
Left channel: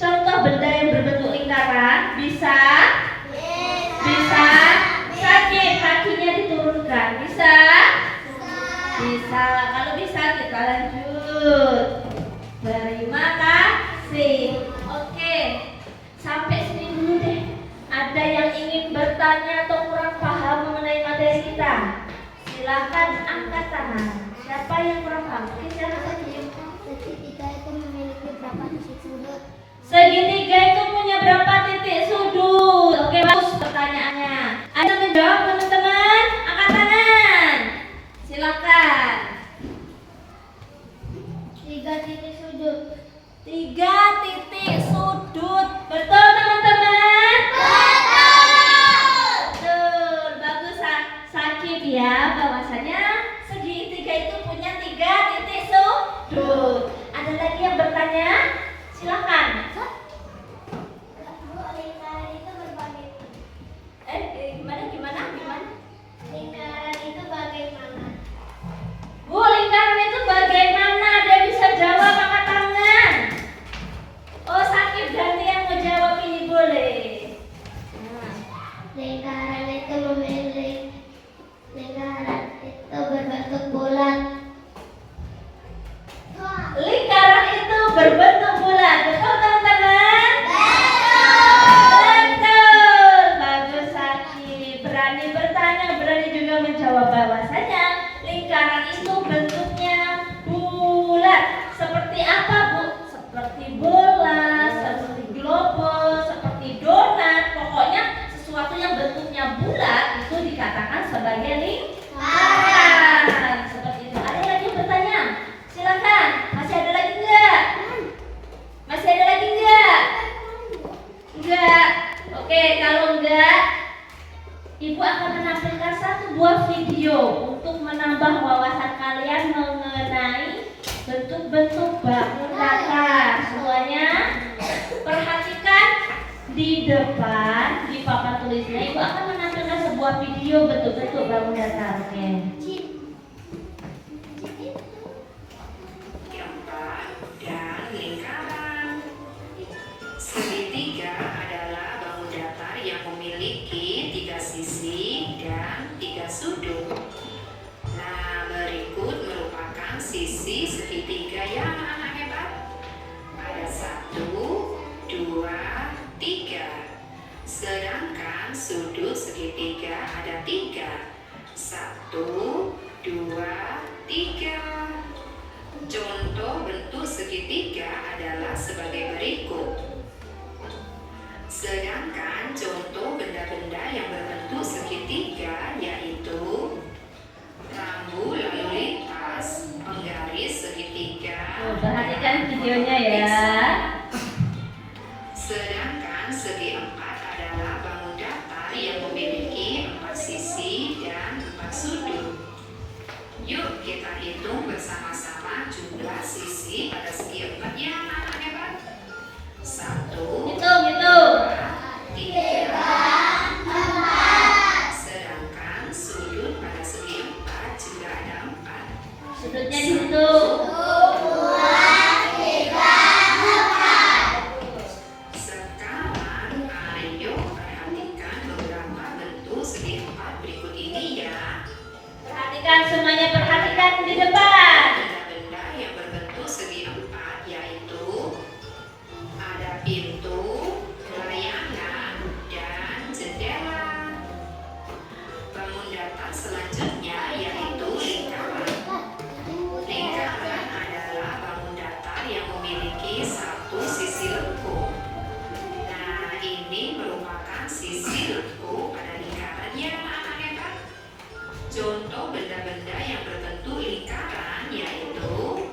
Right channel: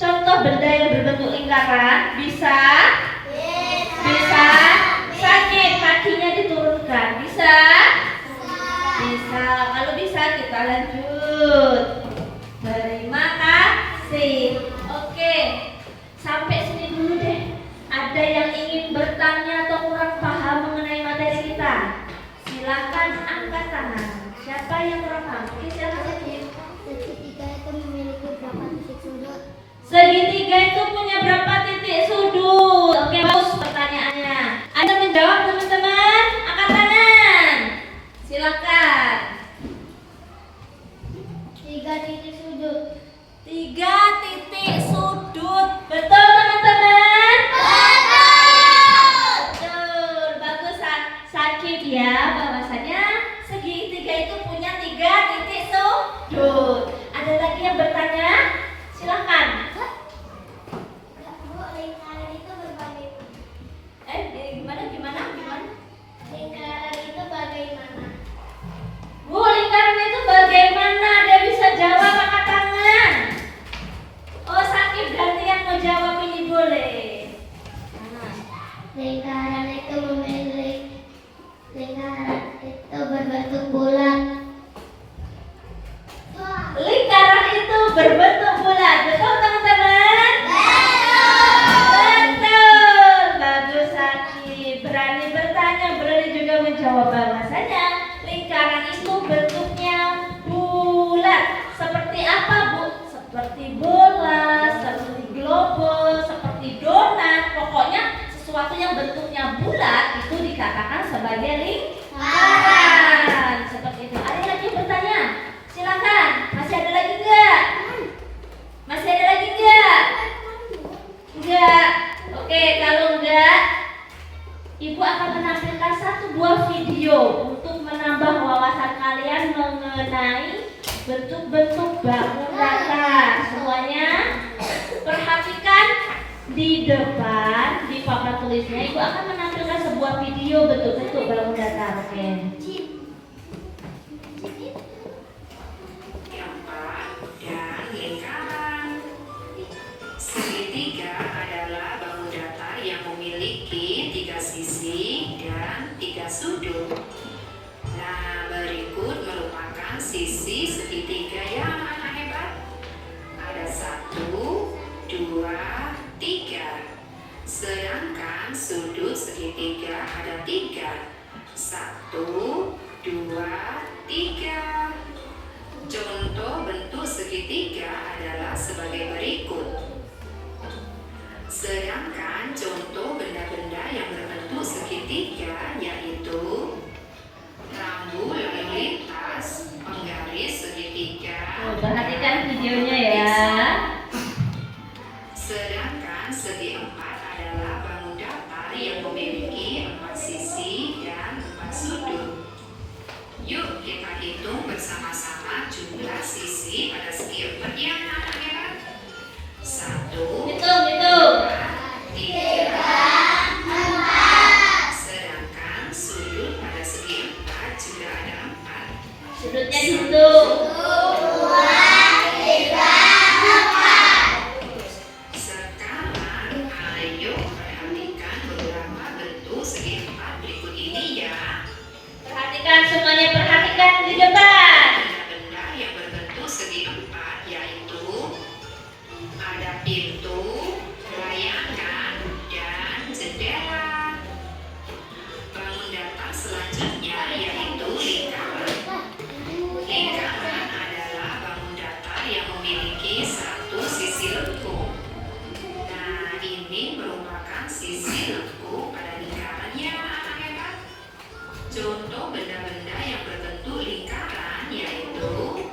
contoh benda yang berbentuk lingkaran? Bisa? Bisa? Sakit, kakinya diturunkan. Bisa? Bisa. Kalau bisa kita lanjut. Terima kasih. Oke, sampai sini dulu deh. Ada yang ingin bertanya atau kurang paham mengenai materi kita? Silakan angkat tangan. Siapa yang kurang paham? Oke, silakan. Segitiga itu memiliki berapa titik sudut? Segitiga itu punya berapa titik sudut? Oke, bagus pertanyaannya. Ada menjawab teman-teman? Angkat tangan. Silakan. 3 titik sudut. 3 titik sudut. Betul teman-teman? Betul. Bagus Sakit ya. Bahwasanya segitiga itu punya 3 titik sudut. Ada lagi yang bertanya? Silakan. Bu, lingkaran itu berbagai. Gimana? Lingkaran itu bagaimana? Bu, lingkaran itu bagaimana? Ada bisa jawab angkat tangan. Oh, Sakit ganti yang mau jawab ini boleh. Lingkaran itu berbentuk bulat. Lingkaran itu berbentuk bulat. Betul teman-teman? Betul. Bagus Sakit. Berani bertanya, berani juga menjawab bahwasanya lingkaran itu bentuknya bulat. Seperti apa, Bu? Seperti bola, seperti globus, seperti donat. Pokoknya sesuatu yang bentuknya bulat itu dikatakan sebagai lingkaran. Seperti itu. Ada yang lagi bertanya? Silakan. Masih ada lagi enggak? Enggak. Oke, kalau enggak, Ibu akan menampilkan 1 buah video untuk menambah wawasan kalian mengenai bentuk-bentuk bangun datar. Semuanya perhatikan di depan di papan tulisnya. Ibu akan menampilkan sebuah video bentuk-bentuk bangun datar. Oke. Dan lingkaran. Segitiga adalah bangun datar yang memiliki 3 sisi dan 3 sudut. Nah, berikut merupakan sisi segitiga yang anak hebat. Ada 1, 2, 3. Sedangkan sudut segitiga ada 3. 1, 2, 3. Contoh bentuk segitiga adalah sebagai berikut. Sedangkan contoh benda-benda yang berbentuk segitiga yaitu rambu lalu lintas, penggaris segitiga. Perhatikan videonya ya. Sedangkan segi 4 adalah bangun datar yang memiliki 4 sisi dan 4 sudut. Yuk kita hitung bersama-sama jumlah sisi pada segi 4 yang anak hebat. 1, Hitung. 3, 4. Sedangkan sudut pada segi 4 juga ada 4. Sudutnya dihitung. Sekarang ayo perhatikan beberapa bentuk segi 4 berikut ini ya. Perhatikan semuanya, perhatikan di depan. Benda-benda yang berbentuk segi 4 yaitu ada pintu, layangan, dan jendela. Bangun datar selanjutnya yaitu lingkaran. Lingkaran adalah bangun datar yang memiliki 1 sisi lengkung. Nah, ini merupakan sisi lengkung pada lingkaran yang anak hebat. Contoh benda-benda yang berbentuk lingkaran yaitu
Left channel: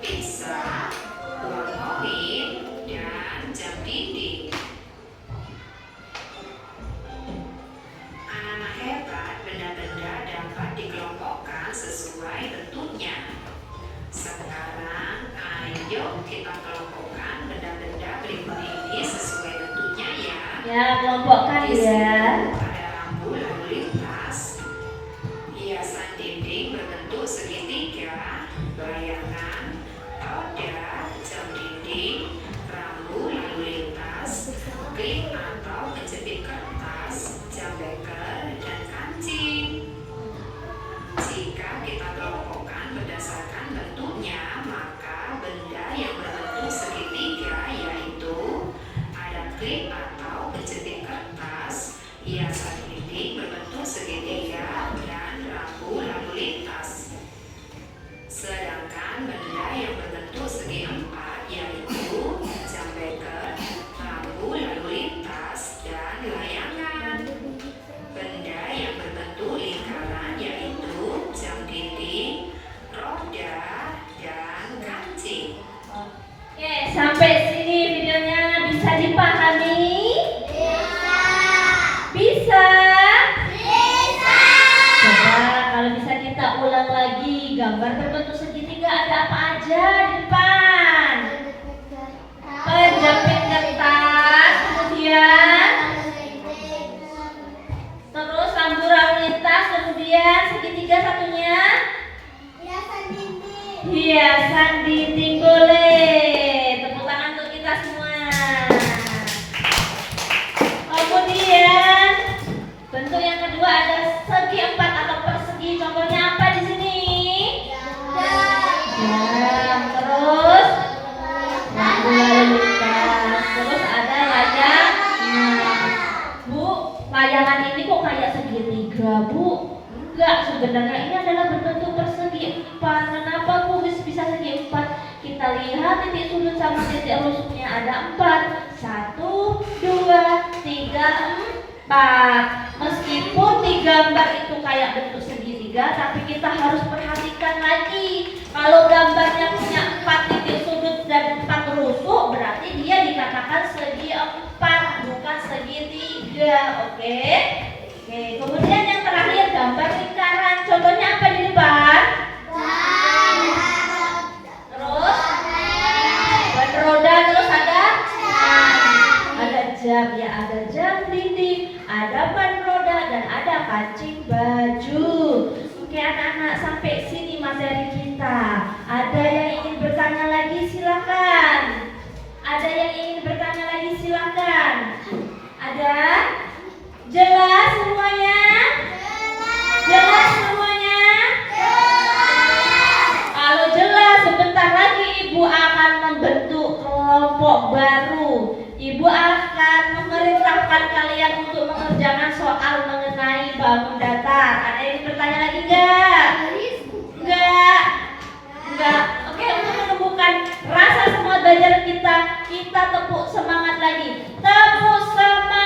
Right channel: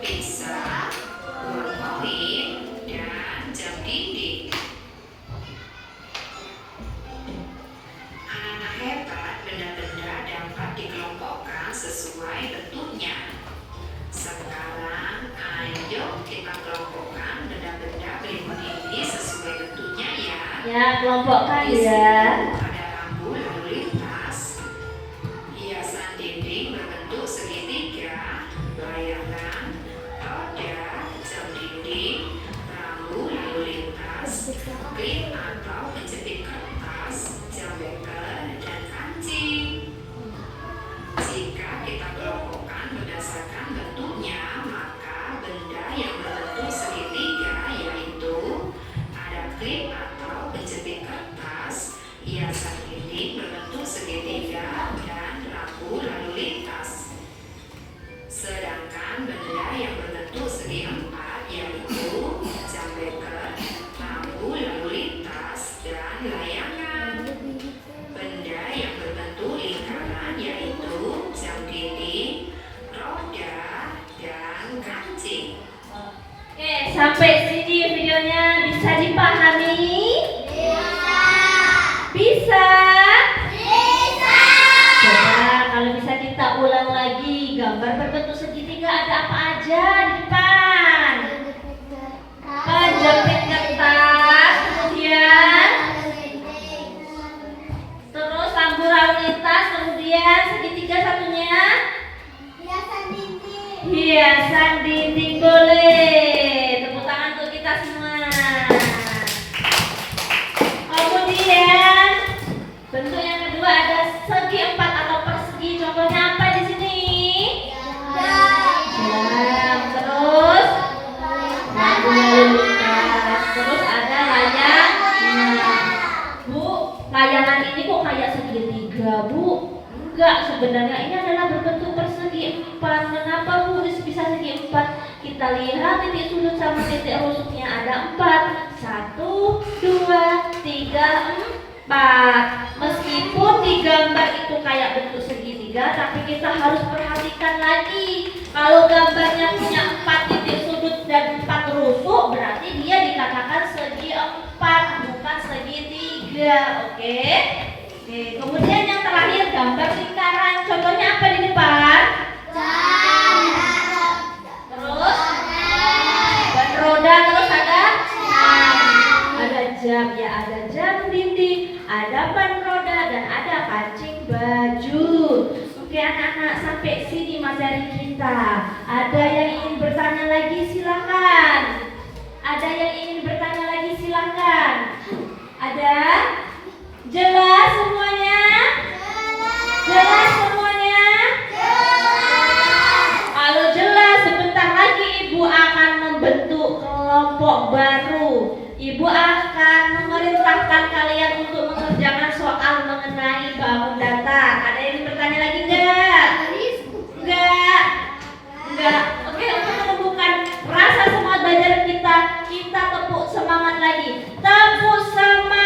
pizza, uang koin, dan jam dinding. Anak-anak hebat, benda-benda dapat dikelompokkan sesuai bentuknya. Sekarang, ayo kita kelompokkan benda-benda berikut ini sesuai bentuknya ya. Ya, kelompokkan Di ya. situ ada rambu lalu lintas, hiasan dinding berbentuk segitiga, layangan, roda, jam dinding, rambu lalu lintas, klip atau penjepit kertas, jam beker, dan kancing. Jika kita kelompokkan berdasarkan bentuknya, maka benda yang berbentuk segitiga yaitu ada klip atau penjepit kertas, hiasan dinding berbentuk segitiga, dan rambu lalu lintas. Sedangkan benda lagi. Gambar berbentuk segitiga ada apa aja di depan? Kejepit kertas, kemudian terus lampu lalu lintas, kemudian segitiga satunya hiasan dinding. Boleh. Tepuk tangan untuk kita semua. Kemudian bentuk yang kedua ada segi empat atau persegi. Contohnya apa di sini? Jam. Terus lampu lalu lintas. Terus ada layang. Bu, layangan ini kok kayak segitiga, Bu? Enggak, sebenarnya ini adalah berbentuk persegi empat. Kenapa, Bu, bisa segi empat? Kita lihat titik sudut sama titik rusuknya ada 4. 1, 2, 3, 4. Meskipun di gambar itu kayak bentuk segitiga, tapi kita harus perhatikan lagi. Kalau gambarnya punya 4 titik sudut dan 4 rusuk, berarti dia dikatakan segi 4, bukan segitiga. Oke? Oke, kemudian yang terakhir gambar lingkaran. Contohnya apa di depan? Terus ban roda, terus ada jam, ya ada jam dinding, ada ban roda, dan ada kancing baju. Oke anak-anak, sampai sini materi kita. Ada yang ingin bertanya lagi silakan. Ada yang ingin bertanya lagi silakan. Ada? Jelas semuanya? Jelas semuanya? Kalau jelas, sebentar lagi Ibu akan membentuk kelompok baru. Ibu akan memerintahkan kalian untuk mengerjakan soal mengenai bangun datar. Ada yang bertanya lagi enggak? Enggak? Enggak. Oke, untuk menumbuhkan rasa semangat belajar kita tepuk semangat lagi. Tepuk semangat.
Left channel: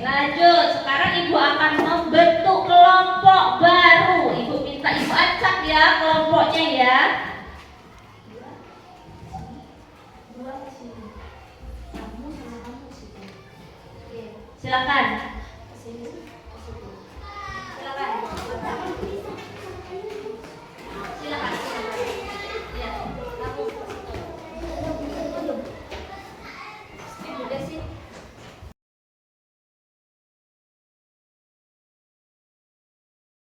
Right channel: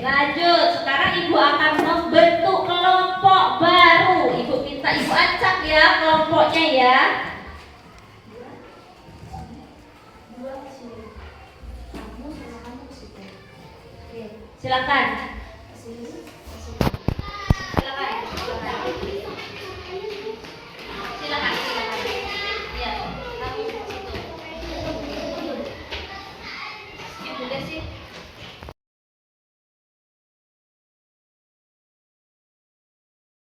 Lanjut, sekarang Ibu akan membentuk kelompok baru. Ibu minta Ibu acak ya kelompoknya ya. Silakan. Ya, kamu Ibu Desi.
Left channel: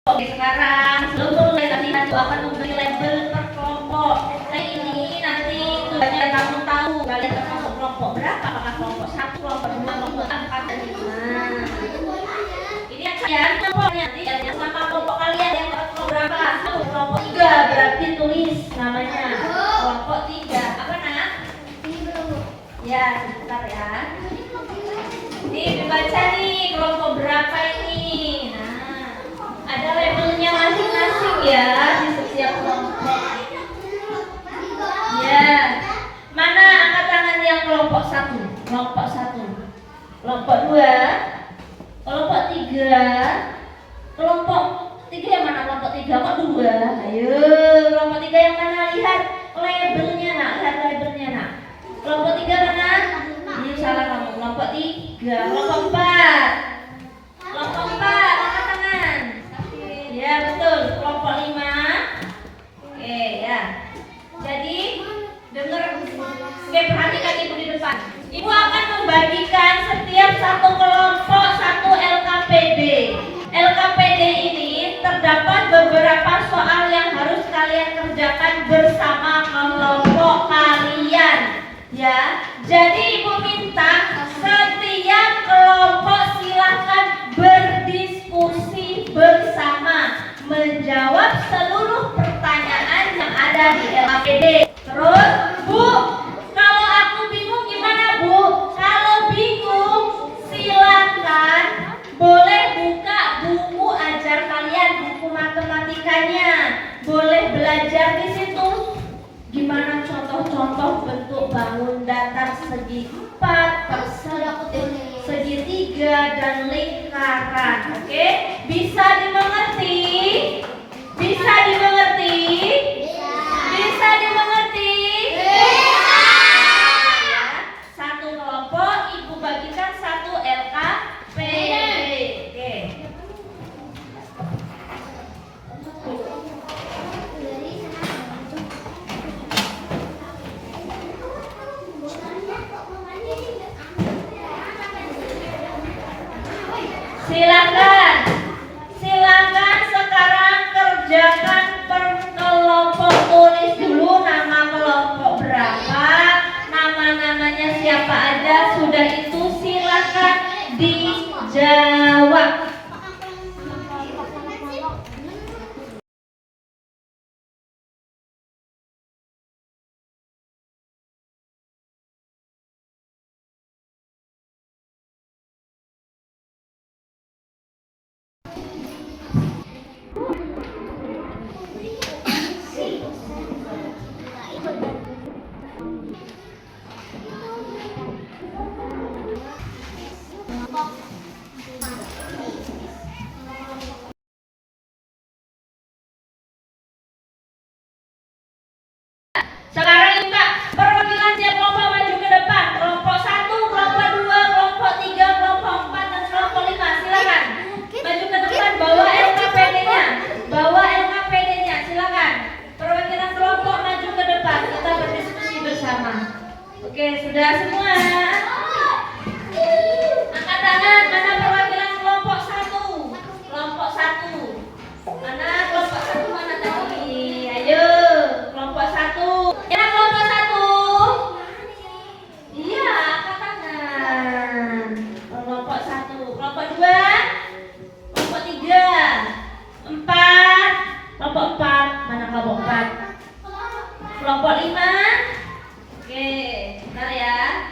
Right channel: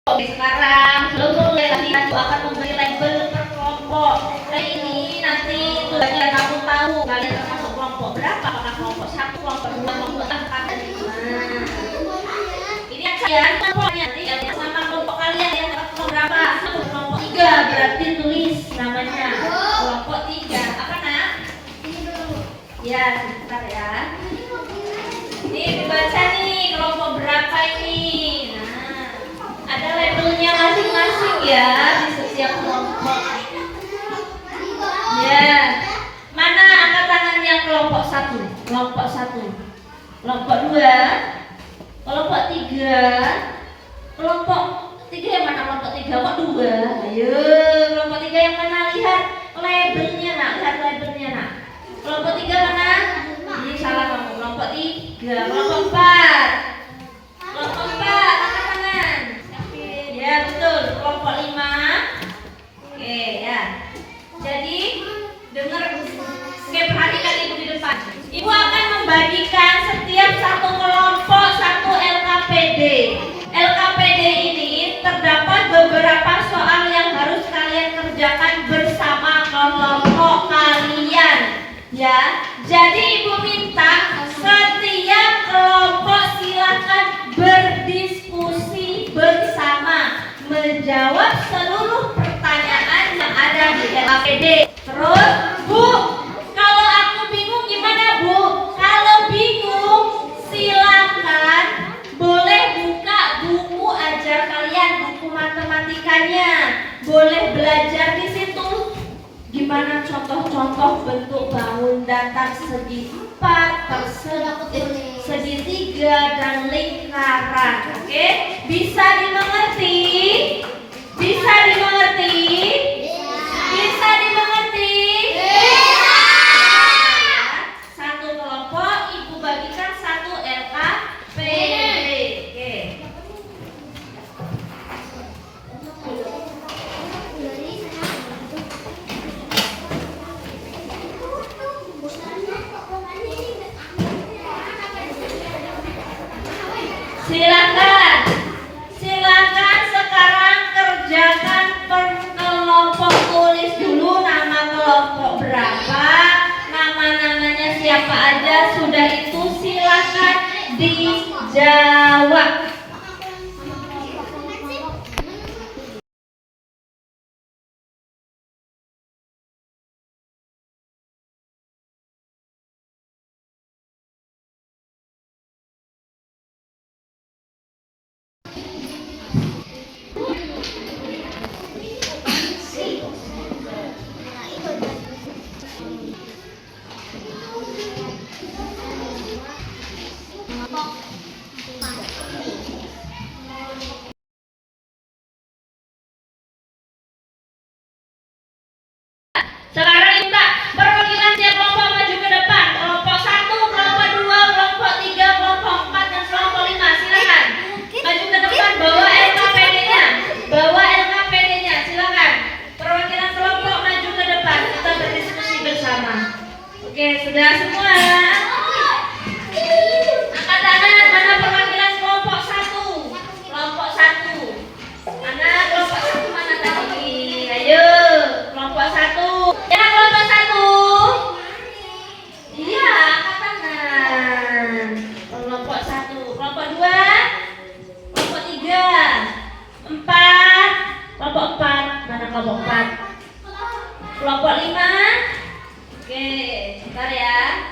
Oke, sekarang sebelum mulai latihan Ibu akan memberi label per kelompok. Kali ini nanti tugasnya kamu tahu kalian termasuk kelompok berapa, apakah kelompok 1, kelompok 2, kelompok 4, dan 5. Ini ya kelompoknya nanti ya sama kelompok kalian yang kelompok berapa? Kelompok 3 berarti tulis namanya. Kelompok 3 apa nak? Ya, sebentar ya. Ini dibaca nih kelompok berapa ini. Ada labelnya masing-masing ya di setiap kelompok. Ya, mana angkat tangan yang kelompok 1? Kelompok 1, kelompok 2, kelompok 3, kelompok 3 yang mana? Kelompok 3 kok 2? Ayo, kelompok 3 yang mana? Lihat labelnya nak, lihat labelnya nak. Kelompok 3 mana? Ini salah kamu. Kelompok 3, kelompok 4, kelompok 4 angkat tangan. Ya betul, kelompok 5. Oke ya. Jadi dengar, oke perhatikan Ibu di depan. Ibu akan membagikan setiap satu kelompok satu LKPD. LKPD ini terdapat beberapa soal yang harus kalian kerjakan bersama kelompok kalian. Ya, jadi Ibu minta setiap kelompok silakan berdiskusi bersama, menjawab seluruh pertanyaan yang ada di LKPD. Terus, Bu, kalau aku bingung gimana, Bu? Kalau bingung, silakan boleh buka buku ajar kalian, buku matematikanya. Boleh belajar di situ. Gimana contoh-contoh bentuk bangun datar segi 4, persegi, segitiga, dan lingkaran. Oke, bisa dimengerti? Bisa dimengerti? Bisa dimengerti? Satu kelompok ibu bagikan satu LKPD. Silakan, silakan sekarang kerjakan per kelompok, tulis dulu nama kelompok berapa, nama-namanya siapa aja, sudah itu silakan dijawab. Sekarang minta perwakilan tiap kelompok maju ke depan. Kelompok 1, kelompok 2, kelompok 3, kelompok 4, dan kelompok 5. Silakan maju ke depan, bawa LKPD-nya. Bawa LKPD-nya, silakan. Perwakilan kelompok maju ke depan. Kita berdiskusi bersama. Oke, sudah semua? Angkat tangan, mana perwakilan kelompok 1? Kelompok 1. Mana kelompok 1 mana tadi? Ayo, kelompok 1. Ya, kelompok 1. Iya, angkat tangan. Kelompok 1, kelompok 2, kelompok 3, 4, kelompok 4. Mana kelompok 4? Kelompok 5. Oke, sebentar ya.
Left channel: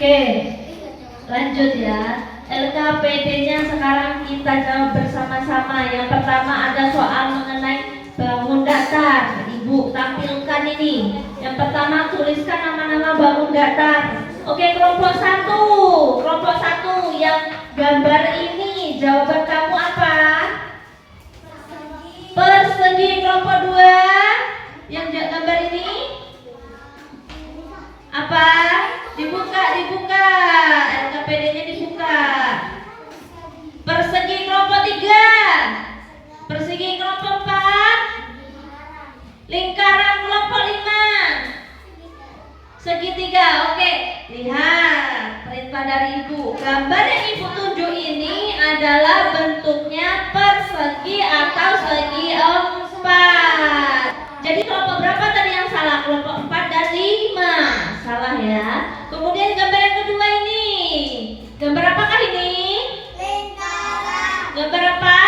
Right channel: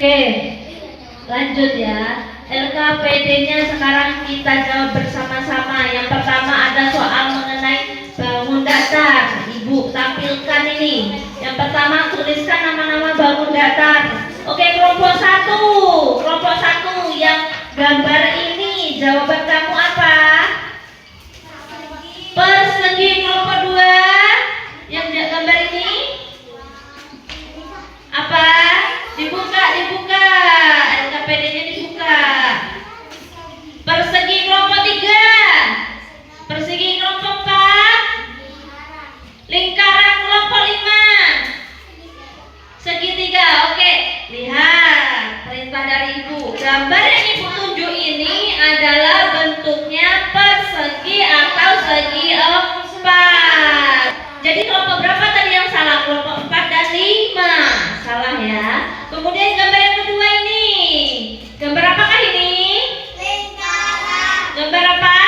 Oke, lanjut ya. LKPD-nya sekarang kita jawab bersama-sama. Yang pertama ada soal mengenai bangun datar. Ibu tampilkan ini. Yang pertama tuliskan nama-nama bangun datar. Oke, kelompok 1. Kelompok 1 yang gambar ini, jawaban kamu apa? Persegi. Kelompok 2 yang gambar ini apa? Dibuka, dibuka. LKPD-nya dibuka. Persegi. Kelompok 3. Persegi. Kelompok 4. Lingkaran. Kelompok 5. Segitiga. Oke, lihat perintah dari ibu. Gambar yang ibu tunjuk ini adalah bentuknya persegi atau segi 4. Jadi kelompok berapa tadi yang salah? Kelompok 4 dan 5. Salah ya. Kemudian gambar yang kedua ini. Gambar apakah ini? Lingkaran. Gambar apa?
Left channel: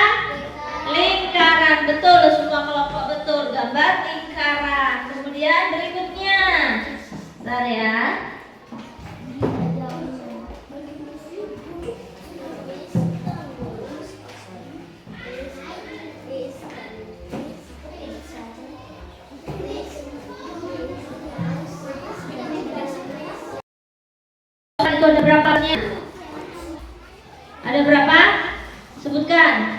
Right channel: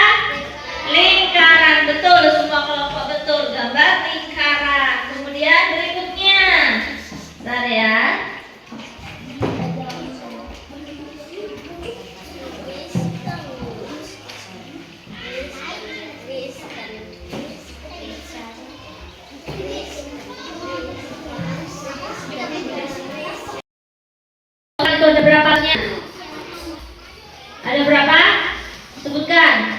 Lingkaran. Betul, semua kelompok betul. Gambar lingkaran. Kemudian berikutnya. Bentar ya. Itu ada berapanya? Ada berapa? Sebutkan.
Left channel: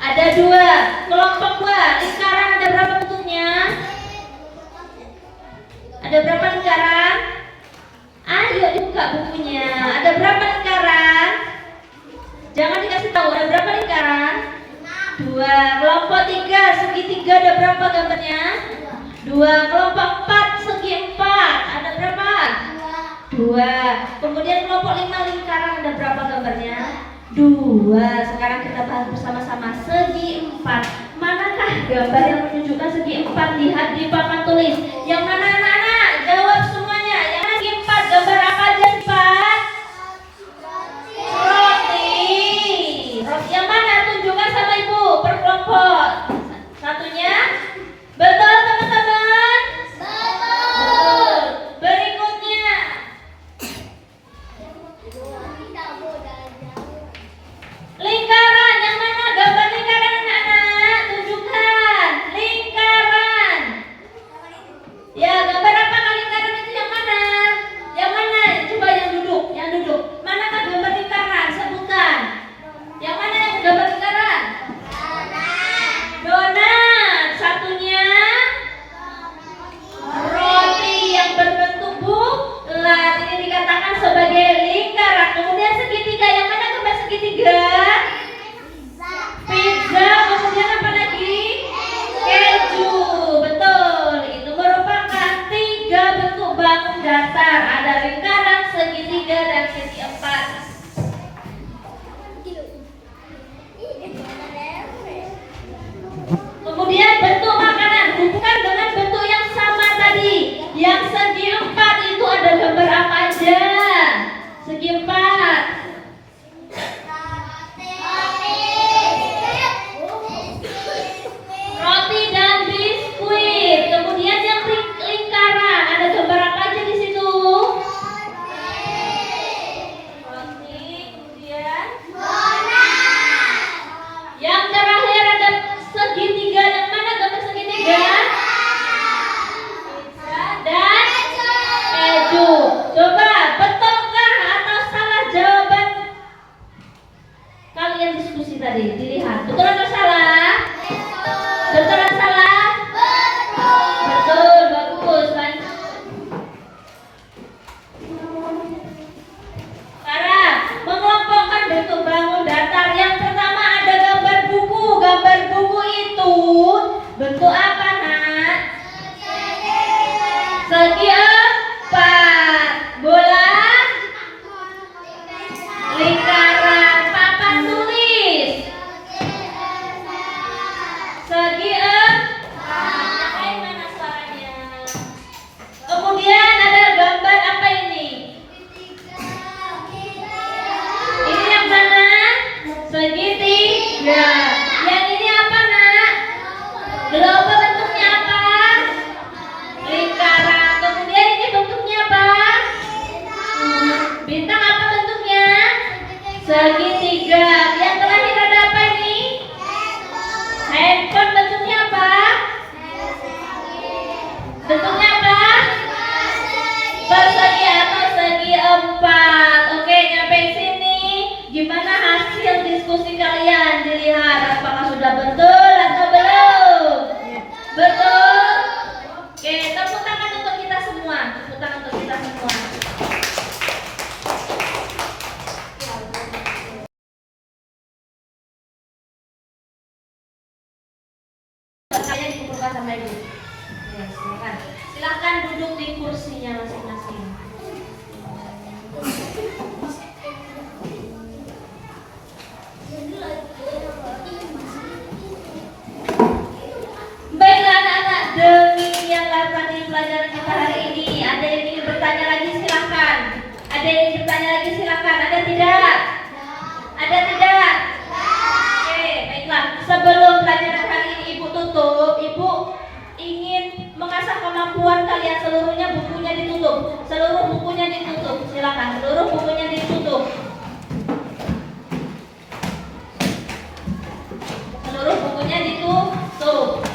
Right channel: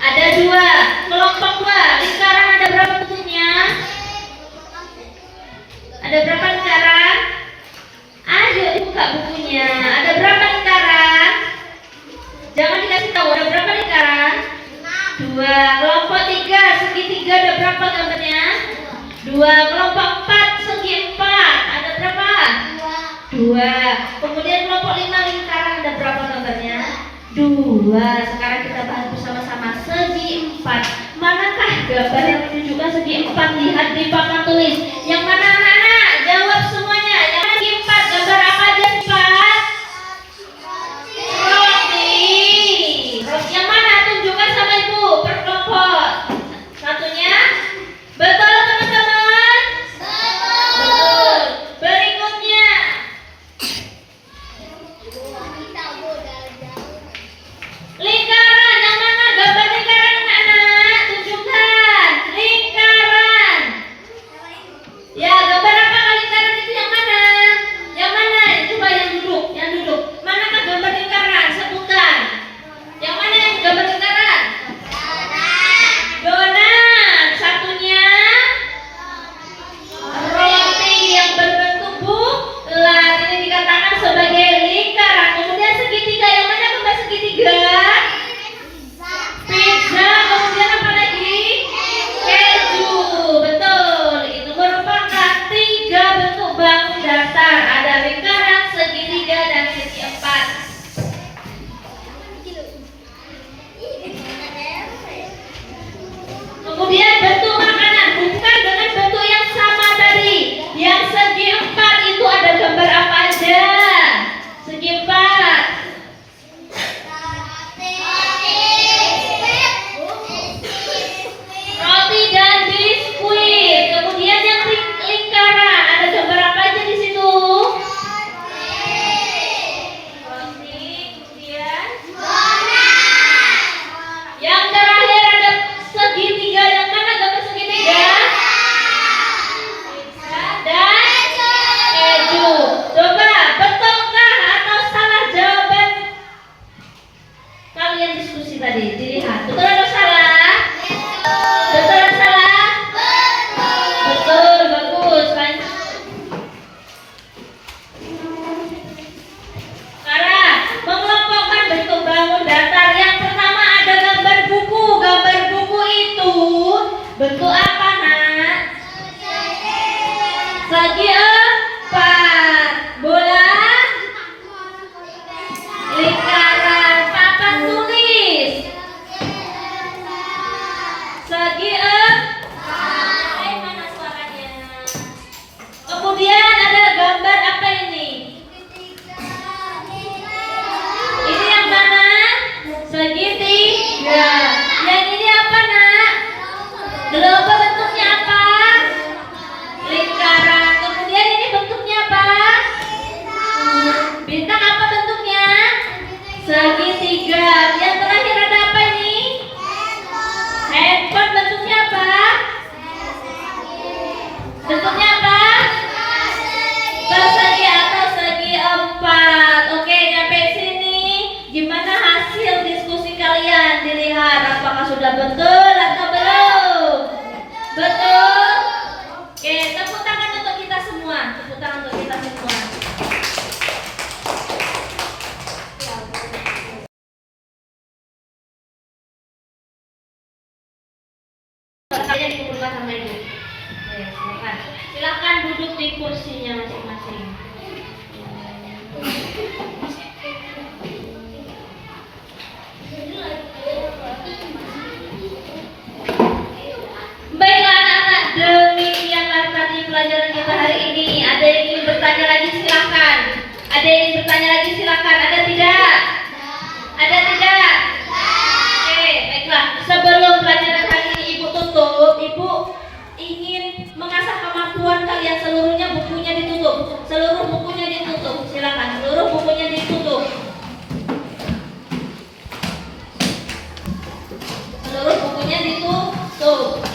Ada 2. Kelompok 2. Lingkaran ada berapa bentuknya? Ada berapa lingkaran? Ayo dibuka bukunya. Ada berapa lingkaran? Jangan dikasih tahu. Ada berapa lingkaran? 2. Kelompok 3 segitiga ada berapa gambarnya? 2. Kelompok 4 segi 4 ada berapa? 2. Kemudian kelompok 5 lingkaran ada berapa gambarnya? 2. Sekarang kita bahas bersama-sama segi 4. Manakah gambar yang menunjukkan segi 4? Lihat di papan tulis. Yang mana anak-anak? Jawab semuanya. Yang mana segi 4? Gambar apa aja 4? Roti. Roti yang mana? Tunjukkan sama ibu per kelompok. Satunya? Betul teman-teman? Betul. Berikutnya. Lingkaran, yang mana gambar lingkaran anak-anak? Tunjukkan lingkaran. 3 dan segi 4. Kemudian bentuk makanan bukan dengan bentuk yang sama tadi. Yang segi 4 itu ada gambar apa aja? Segi 4. Roti dan biskuit. Kemudian yang lingkaran ada gambar apa aja di situ? Roti. Kemudian yang terakhir ada segitiga. Yang mana gambar segitiga? Pizza dan keju. Coba betulkah atau salah jawaban kalian diskusi tadi? Dilihat betul atau salah? Betul atau salah? Betul, bagus. Sekarang mengelompokkan bentuk bangun datar. Yang pertama ada gambar buku. Gambar buku itu bentuk apa, Nak? Segi 4. Bola lingkaran. Papan tulis segi 4. Mana suaranya? Kemudian ada gambar apa ini? Ini yang mana? Segitiga. Yang ini apa, Nak? Global, bentuknya apa? Lingkaran. Kemudian ini bentuknya apa? Bintang, apa bentuknya? Segitiga. Yang terakhir ada apa ini? Handphone, bentuknya apa? Bentuknya apa? Persegi atau segi 4. Oke, nyampe sini. Gimana hasil diskusi kalian? Dilihat apakah sudah betul atau belum? Betul? Oke, tepuk tangan untuk kita semua. Tepuk tangan untuk kita semua. Kalian dikumpulkan sama ibu. Ya, silakan. Silakan duduk di kursinya masing-masing. Baiklah anak-anak, demikianlah tadi pelajaran kita hari ini. Ada yang ingin bertanya lagi silakan. Ada yang ingin bertanya lagi silakan. Ada tidak? Ada tidak? Oke, baiklah. Sebelum pelajaran hari ini Ibu tutup, Ibu ingin mengasah kemampuan kalian. Seluruhnya bukunya ditutup. Seluruh bukunya ditutup. Silakan. Seluruh bukunya ditutup. Seluruh bukunya ditutup.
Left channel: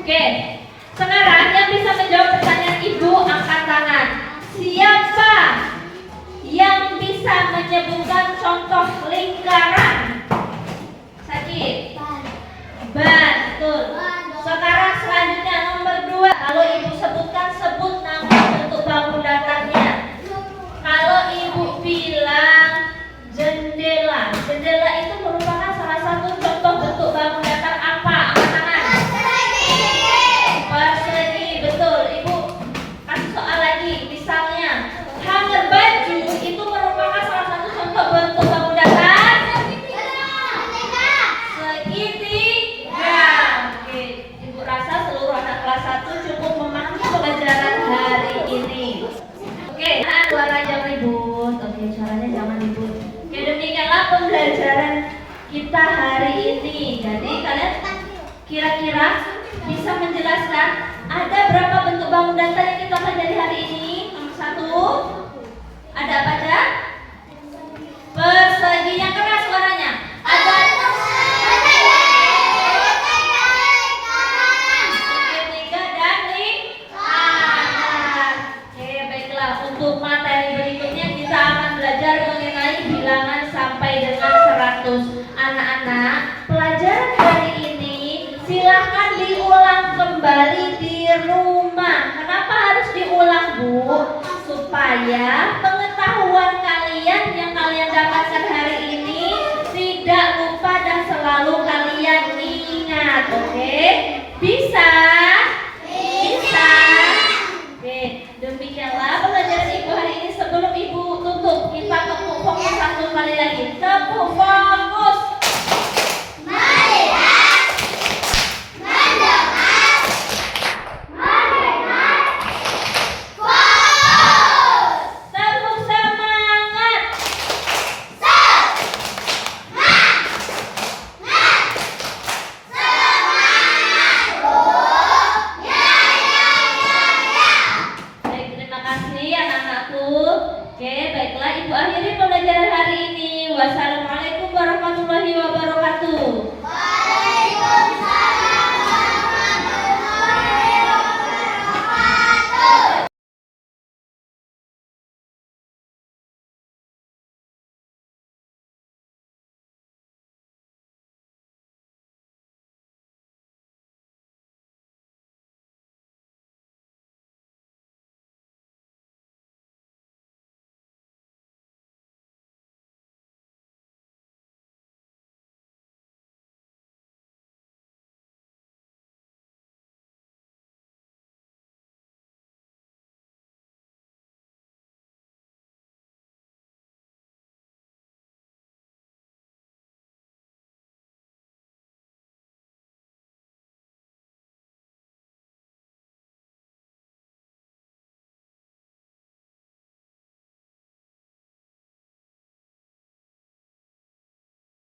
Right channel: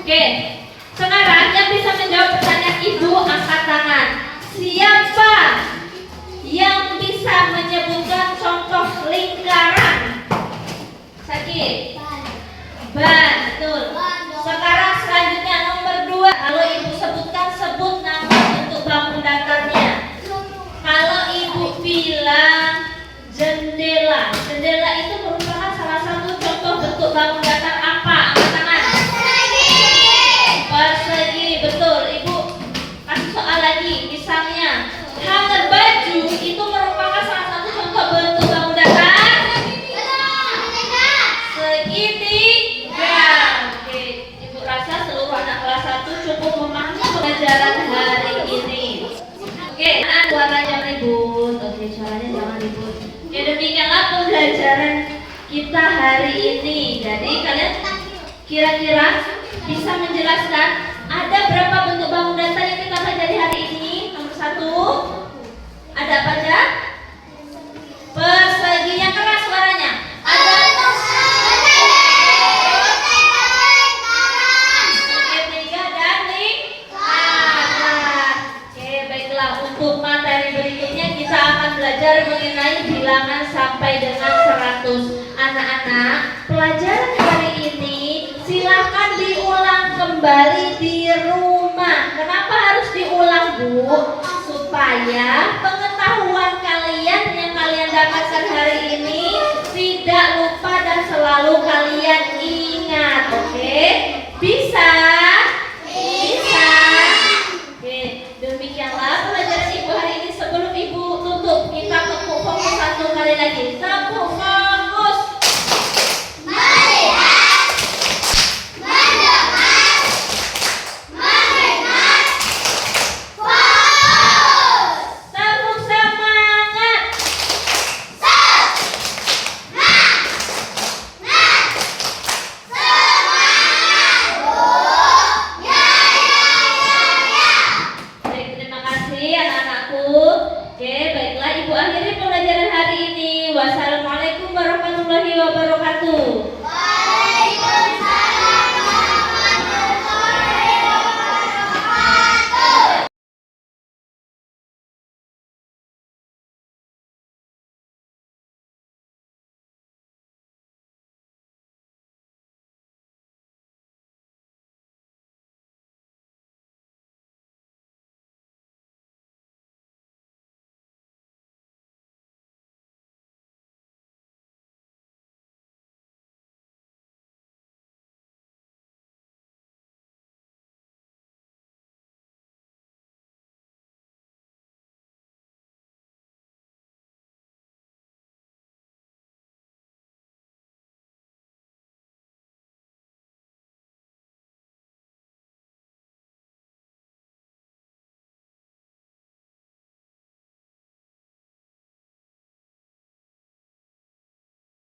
Oke. Sekarang yang bisa menjawab pertanyaan Ibu angkat tangan. Siapa yang bisa menyebutkan contoh lingkaran? Sakit. Ban, betul. Sekarang selanjutnya nomor 2. Kalau Ibu sebutkan, sebut nama bentuk bangun datarnya. Kalau Ibu bilang jendela, jendela itu merupakan salah satu contoh bentuk bangun datar apa? Angkat tangan. Persegi, betul. Ibu kasih soal lagi. Misalnya hanger baju itu merupakan salah satu contoh bentuk bangun datar. Segitiga. Oke, Ibu rasa seluruh anak kelas 1 cukup memahami pelajaran hari ini. Oke, anak suara jangan ribut. Oke, suaranya jangan ribut. Oke, demikianlah pembelajaran kita hari ini. Jadi kalian kira-kira bisa menjelaskan ada berapa bentuk bangun datar yang kita pelajari hari ini? Nomor 1, ada apa aja? Persegi, yang keras suaranya. Ada segitiga dan lingkaran. Oke, baiklah. Untuk materi berikutnya kita akan belajar mengenai bilangan sampai dengan 100. Anak-anak, pelajaran hari ini silahkan diulang kembali di rumah. Kenapa harus diulang, Bu? Supaya pengetahuan kalian yang kalian dapatkan hari ini tidak lupa dan selalu kalian ingat. Oke? Bisa? selalu